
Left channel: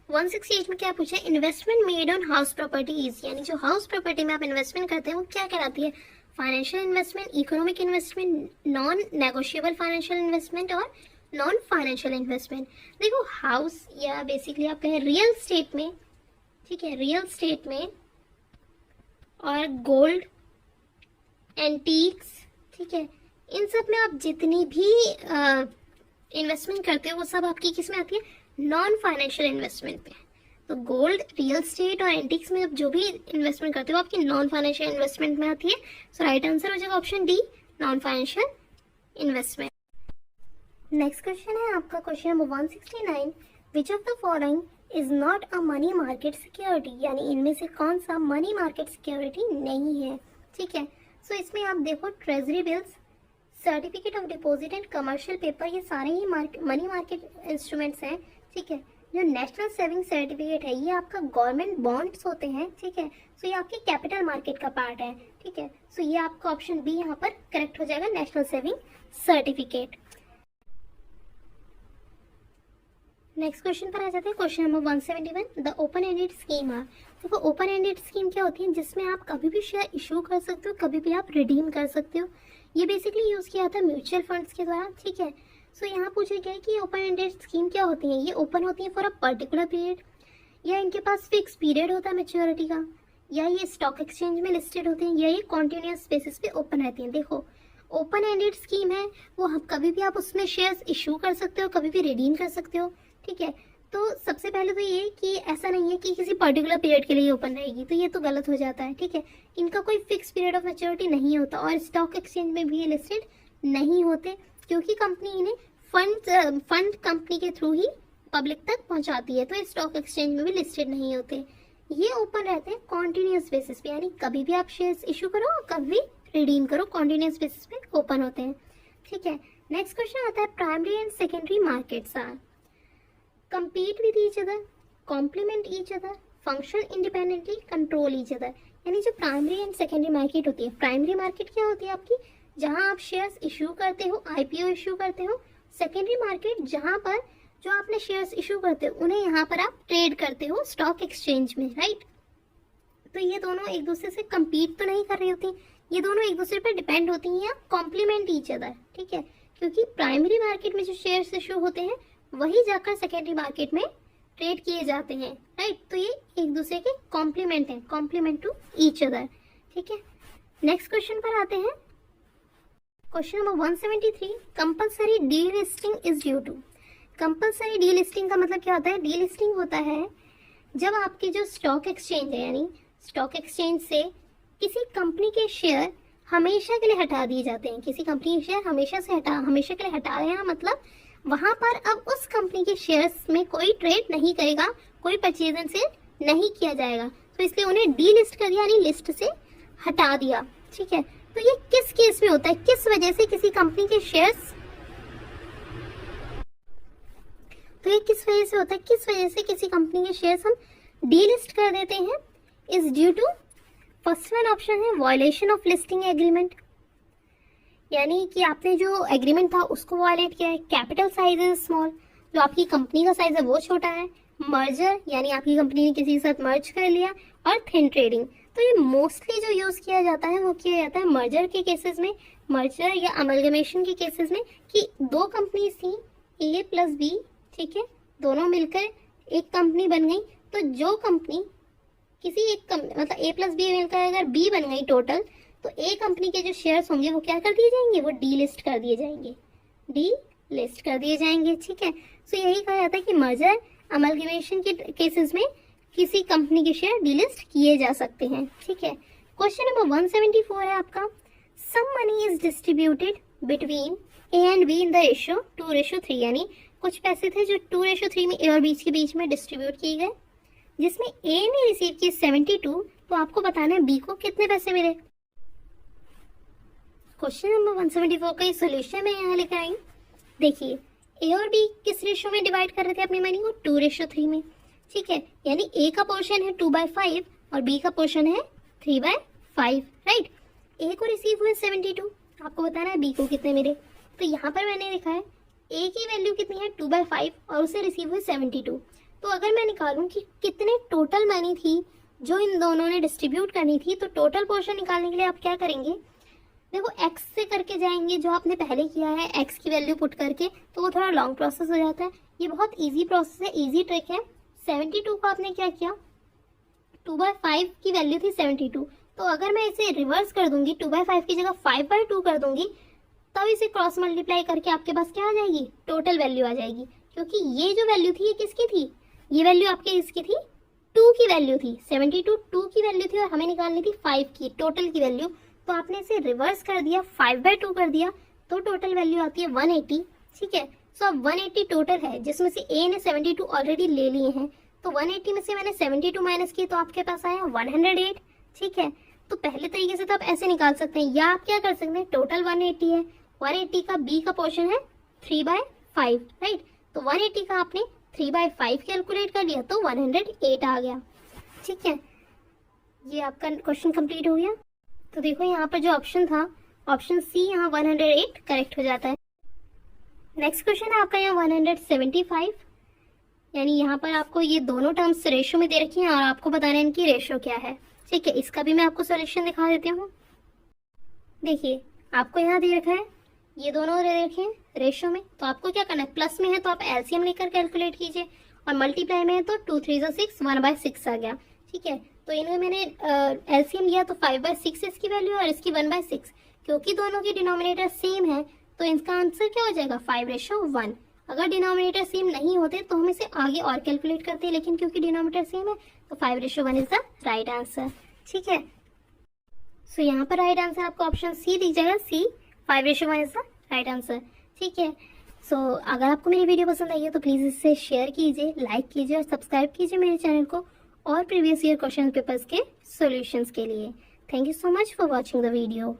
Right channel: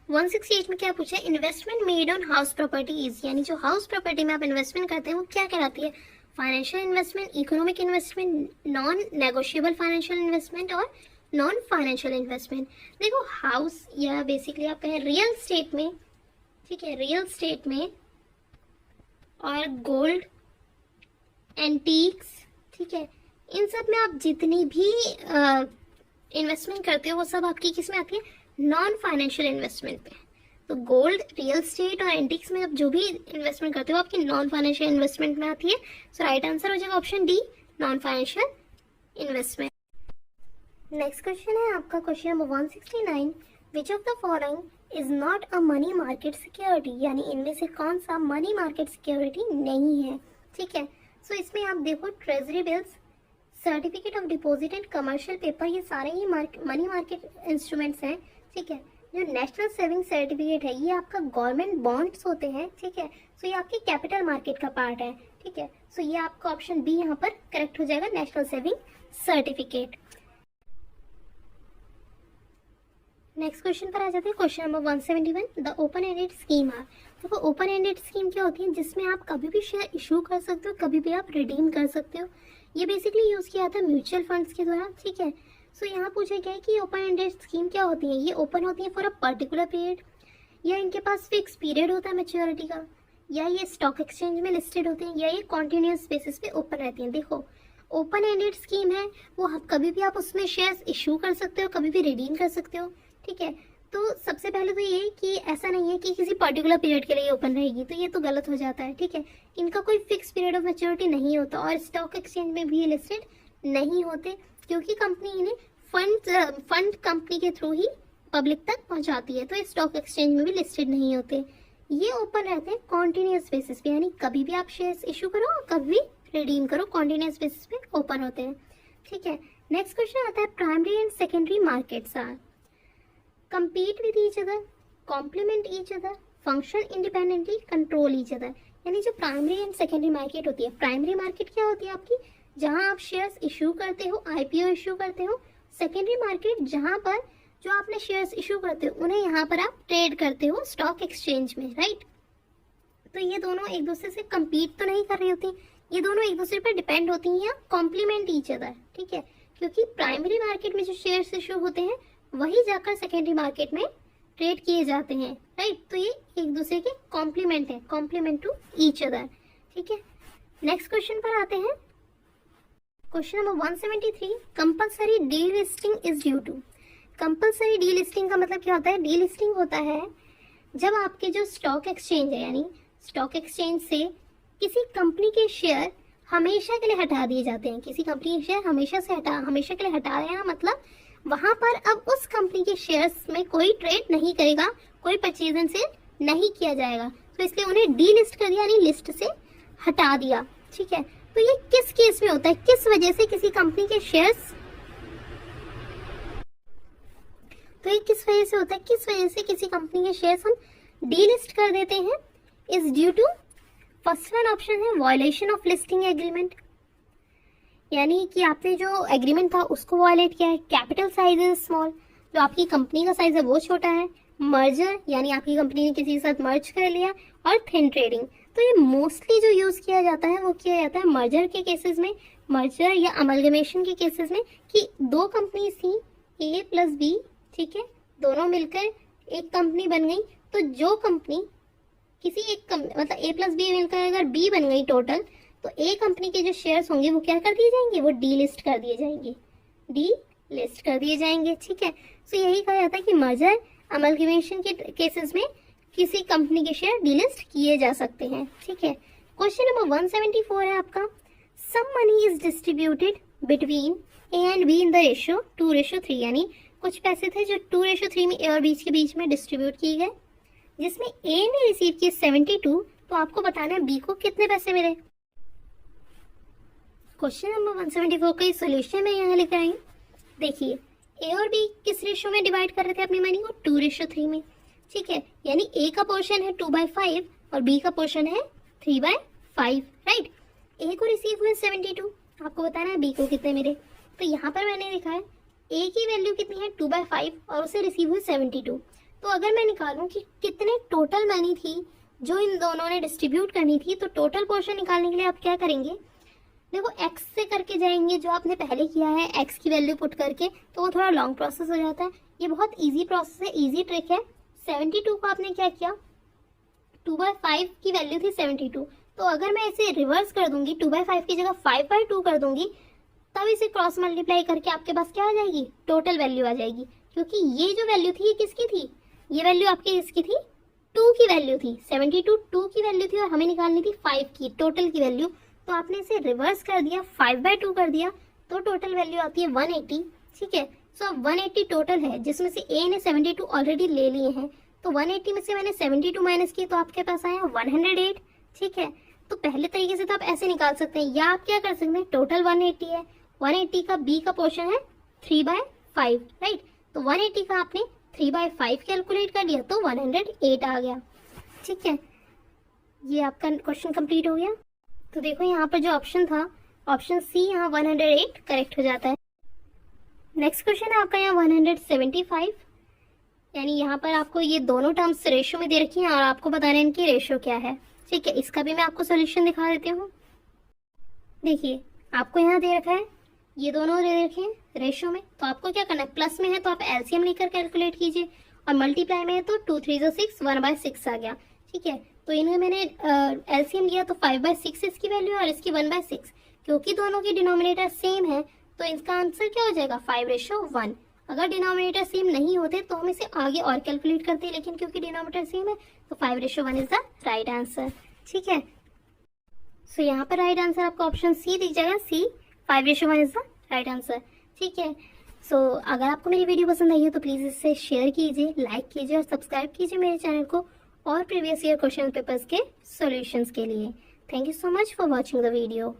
168 में क्या पूछा है? Investment made on house properties, यानी जो हाउस प्रॉपर्टी में आप इन्वेस्टमेंट करते हैं वो क्या कहलाती है? Financial investment, economic investment, non negotiable financial investment और नॉन फाइनेंशियल इन्वेस्टमेंट। देखो, हाउस या बेसिकली आप कहें रियल स्टेट में, ठीक है, रियल स्टेट में और गोल्ड, एंटीक्स, ठीक है, इन सब में आप जितनी भी इन्वेस्टमेंट करते हो वो सब आपकी किस में आती है? नॉन फाइनेंशियल इन्वेस्टमेंट पे। तो गोल्ड, रियल स्टेट और एंटीक्स में आप जो भी इन्वेस्टमेंट करते हो आपकी नॉन फाइनेंशियल इन्वेस्टमेंट में आती है। सो राइट आंसर हो जाएगा option D, non financial investment. Next question है आपका question number 169, which of the following is not a money market security, यानी इनमें से कौन सा मनी मार्केट सिक्योरिटी नहीं है, ठीक है। सो इसमें आप देखो, treasury bills, certificate of deposit and commercial paper, ये सारे ही मनी मार्केट इंस्ट्रूमेंट्स हैं, ठीक है। जो नेशनल सेविंग सर्टिफिकेट है ये आपका गवर्नमेंट बॉन्ड्स होते हैं, ठीक है। सो ये आपके कैपिटल मार्केट का पार्ट है, ठीक है। सो ये आपका ऑप्शन बी यहाँ पर करेक्ट हो जाएगा, national saving certificate. Next question पर आ जाते हैं, question number 171, the open ended scheme are. देखो, ओपन एंडेड स्कीम क्या होती है? जिसमें आप कभी भी शेयर इशू कर सकते हो, कभी भी आप रिडीम कर सकते हो। ये बेसिकली यूज किया था म्यूचुअल फंड्स के द्वारा, ठीक है। सो यहाँ पूछा गया है कि ओपन एंडेड स्कीम क्या होती है? ये ओपन होती है फॉर अ पर्टिकुलर पीरियड, या इनके पास फिक्स पीरियड होता है मैच्योरिटी का, या ये स्टॉक एक्सचेंज में लिस्टेड होते हैं, या ये कॉन्टिन्यूस बेसिस पे ओपन रहती हैं। देखो, ओपन एंडेड स्कीम है वो कभी भी आप उसमें शेयर्स इशू कर सकते हो, कभी भी रिडीम कर सकते हो, ठीक है। तो सबसे पहले तो ये कि ऐसा नहीं है कि किसी पर्टिकुलर पीरियड के लिए ओपन रहेगी, तो ये तो गलत हो जाता है, ठीक है। इनका कोई फिक्स पीरियड ऑफ मैच्योरिटी नहीं होता और स्टॉक एक्सचेंज में भी ये लिस्टेड नहीं होते, क्योंकि कंपनी इन्हें फंड कंपनी के थ्रू ही पब्लिक तक पहुंचाती है, तो ये स्टॉक एक्सचेंज में भी लिस्टेड नहीं होते। ये ओपन रहते हैं कॉन्टिन्यूस बेसिस पे, यानी कभी भी आप शेयर्स इशू करो और कभी रिडीम करो, कॉन्टिन्यूस बेसिस पे ओपन होते हैं, ठीक है। नेक्स्ट क्वेश्चन आता है primary and secondary markets are compete with each other, complement each other, function independently, control each other। यानी जो प्राइमरी एंड सेकेंडरी मार्केट होती है, प्राइमरी मार्केट क्या होती है आपकी, जहां आप शेयर्स इशू करते हो, आईपीओ इशू करते हो। सेकेंडरी मार्केट जहां पर जो आपने शेयर्स इशू करते हो उन्हें यहाँ पर आप ट्रेड करते हो स्टॉक एक्सचेंज में, राइट। तो ये दोनों एक दूसरे से compete तो नहीं कर रही होती, ये दोनों एक दूसरे पर डिपेंड होती हैं या कॉम्प्लीमेंट ईच अदर, ठीक है। क्योंकि प्राइमरी मार्केट में जो शेयर्स इशू होते हैं वही जाकर सेकेंडरी मार्केट में ट्रेड किए जाते हैं, राइट। तो ये एक दूसरे के कॉम्प्लीमेंट है, कॉम्प्लीमेंट टू ईच अदर, ठीक है। नेक्स्ट क्वेश्चन पर आते हैं। Question number 173, compulsory delisting is due to. Compulsory delisting का मतलब क्या होता है, डीलिस्टिंग होता है जब आपके जो स्टॉक एक्सचेंज है, यानी स्टॉक एक्सचेंज से किसी कंपनी के शेयर हमेशा के लिए हटा दिए जाते हैं। किसी कंपनी के शेयर हमेशा के लिए हटा रहे हैं, मतलब वहां पर अब उस कंपनी के शेयर्स में कोई ट्रेड नहीं करेगा, कोई परचेज एंड सेल नहीं किया जाएगा, तो इसलिए उन्हें डीलिस्ट कर दिया, यानी लिस्ट से हटा दिया, ठीक है। तो ये किस केस में होता है, किस वजह से किसी कंपनी के शेयर्स, तो ये किस वजह से होता है, किस वजह से किसी कंपनी के शेयर्स हम डीलिस्ट कर देते हैं, is due to, first one option है वायलेशन ऑफ लिस्टिंग एग्रीमेंट, यानी कि आपने जो एग्रीमेंट था उसको वायलेट किया है। कैपिटल साइज इज स्मॉल, जो आपकी कंपनी का साइज है वो छोटा है। मर्जर, यानी आपकी कंपनी ने किसी के साथ मर्ज कर लिया। और थिन ट्रेडिंग, तो ये मोस्टली जो यूज किया जाता है वो किया जाता है मर्जर के केसेस में, मर्जर या अमलगमेशन के केसेस में, कि दो कंपनी थी ए प्लस बी, ठीक है, दोनों मिलकर एक कंपनी बन गई। तो जो कंपनी किसी एक मतलब ए प्लस बी मिलकर अगर बी बन गई टोटल, तो ए कंपनी के जो शेयर्स होंगे वो क्या कर दिए जाएंगे, वो डीलिस्ट कर दिए जाएंगे, डीलिस्ट कर दिए जाएंगे, ठीक है। सो यही कहा जाता है कि मर्जर अमलगमेशन के केसेस में किसी कंपनी के शेयर डीलिस्ट किए जा सकते हैं, ठीक है। क्वेश्चन नंबर 174 है आपका, some money is distributed between A and B in the ratio 2:3, यानी कुछ पैसे थे जो 2:3 में ए और बी के बीच में डिस्ट्रीब्यूट किए गए, जिसमें ए ने रिसीव किए 72, तो आपको बताना है बी को कितने पैसे मिले। क्वेश्चन नंबर 174 का सोल्यूशन मैं यहाँ लेकर आई हूँ। देखिए ए और बी किस रेशियो में डिवाइड कर रहे थे अपनी मनी को, 2:3 में, ठीक है। यानी ए का पोर्शन है 2/5 और बी का पोर्शन है 3/5, राइट। ए को रिसीव हुए 72, आपको बताना है बी को कितने मिले। तो यहाँ पर मैंने लिखा है ए की वैल्यू कितनी है 2/5 और उसे रिसीव हुए 72। तो अगर मैं निकालूं कि कितने टोटल मनी थी जो इन दोनों ने डिस्ट्रीब्यूट करनी थी, तो टोटल पोर्शन निकालने के लिए आप क्या करेंगे, देखो x से करके जाएंगे, जो आपने पहले किया है x की वैल्यू पुट करके, तो वो थोड़ा लॉन्ग प्रोसेस हो जाता है। ये बहुत इजी प्रोसेस है, इजी ट्रिक है। 72 को आपने क्या किया, 2/5 की वैल्यू थी 72, तो अगर मैं इसे रिवर्स कर दूंगी, 2/5 की जगह 5/2 कर दूंगी, तब इसे क्रॉस मल्टीप्लाई करके आपके पास क्या आ जाएगी, टोटल वैल्यू आ जाएगी। क्योंकि ये जो वैल्यू थी ये किसकी थी, ये वैल्यू आपकी इसकी थी, 2 की वैल्यू थी, 72 2 की वैल्यू थी और हमें निकालनी थी 5 की टोटल की वैल्यू। तो आपने इसे रिवर्स कर दिया, 5/2 कर दिया, तो टोटल वैल्यू आती है 180, ठीक है। सो 180 टोटल है, जिसमें से ए ने 72 ऑलरेडी ले लिए हैं, तो 180 में से मैंने 72 माइनस की, तो आपके पास आया 108, ठीक है। तो पहले तरीके से तो आप ऐसे निकाल सकते हैं, या आप क्या कर सकते हैं, टोटल 180 है, 180 का बी का पोर्शन है 3/5, राइट। तो 180 का आपने 3/5 कैलकुलेट कर लिया, तो 108 आ गया, ठीक है। ये आपका क्वेश्चन कंप्लीट हो गया। तो देखो यहाँ पर जो ऑप्शन था, ऑप्शन सी, यहाँ 108 करेक्ट हो जाता है। नेक्स्ट क्वेश्चन है आपका यहाँ 175, यानी यहाँ पर आपको ये दोनों टर्म्स रेशियो में दे रखी हैं और आपको बताना है इनकी रेशियो क्या है, ठीक है। इसका भी मैं आपको सोल्यूशन दिखा देती हूँ। देखिए आपको यहाँ दे रखा है, ये दोनों दे रखे हैं रेशियो में, तो आपको क्या करना है, प्लस में है तो आप एलसीएम लेकर कैलकुलेट कीजिए, और मल्टीप्लाई में है तो 2 3 6 1/6 आ गया, ठीक है। तो इन्हें मैंने एलसीएम लिया, तो 5/6 इसकी वैल्यू और इसकी 1/6, क्योंकि दोनों की डिनोमिनेटर सेम है तो इसका आंसर क्या हो जाएगा, 5:1। अगर डिनोमिनेटर सेम नहीं होते तो हम इसे आगे और कैलकुलेट करते हैं, लेकिन क्योंकि डिनोमिनेटर सेम है तो 5:1 इज द राइट आंसर। ठीक है, सो यहाँ पर राइट आंसर आपको ऑप्शन सी दिख जाएगा, सी 5:1 इज द राइट आंसर। ठीक है, सो अगर आपको मेरी वीडियो पसंद आई है तो प्लीज़ इसे शेयर कीजिए, लाइक कीजिए और सब्सक्राइब कीजिए मेरे चैनल को और प्रीवियस ईयर क्वेश्चन पेपर्स के सॉल्यूशंस के लिए। Thank you so much for watching the video.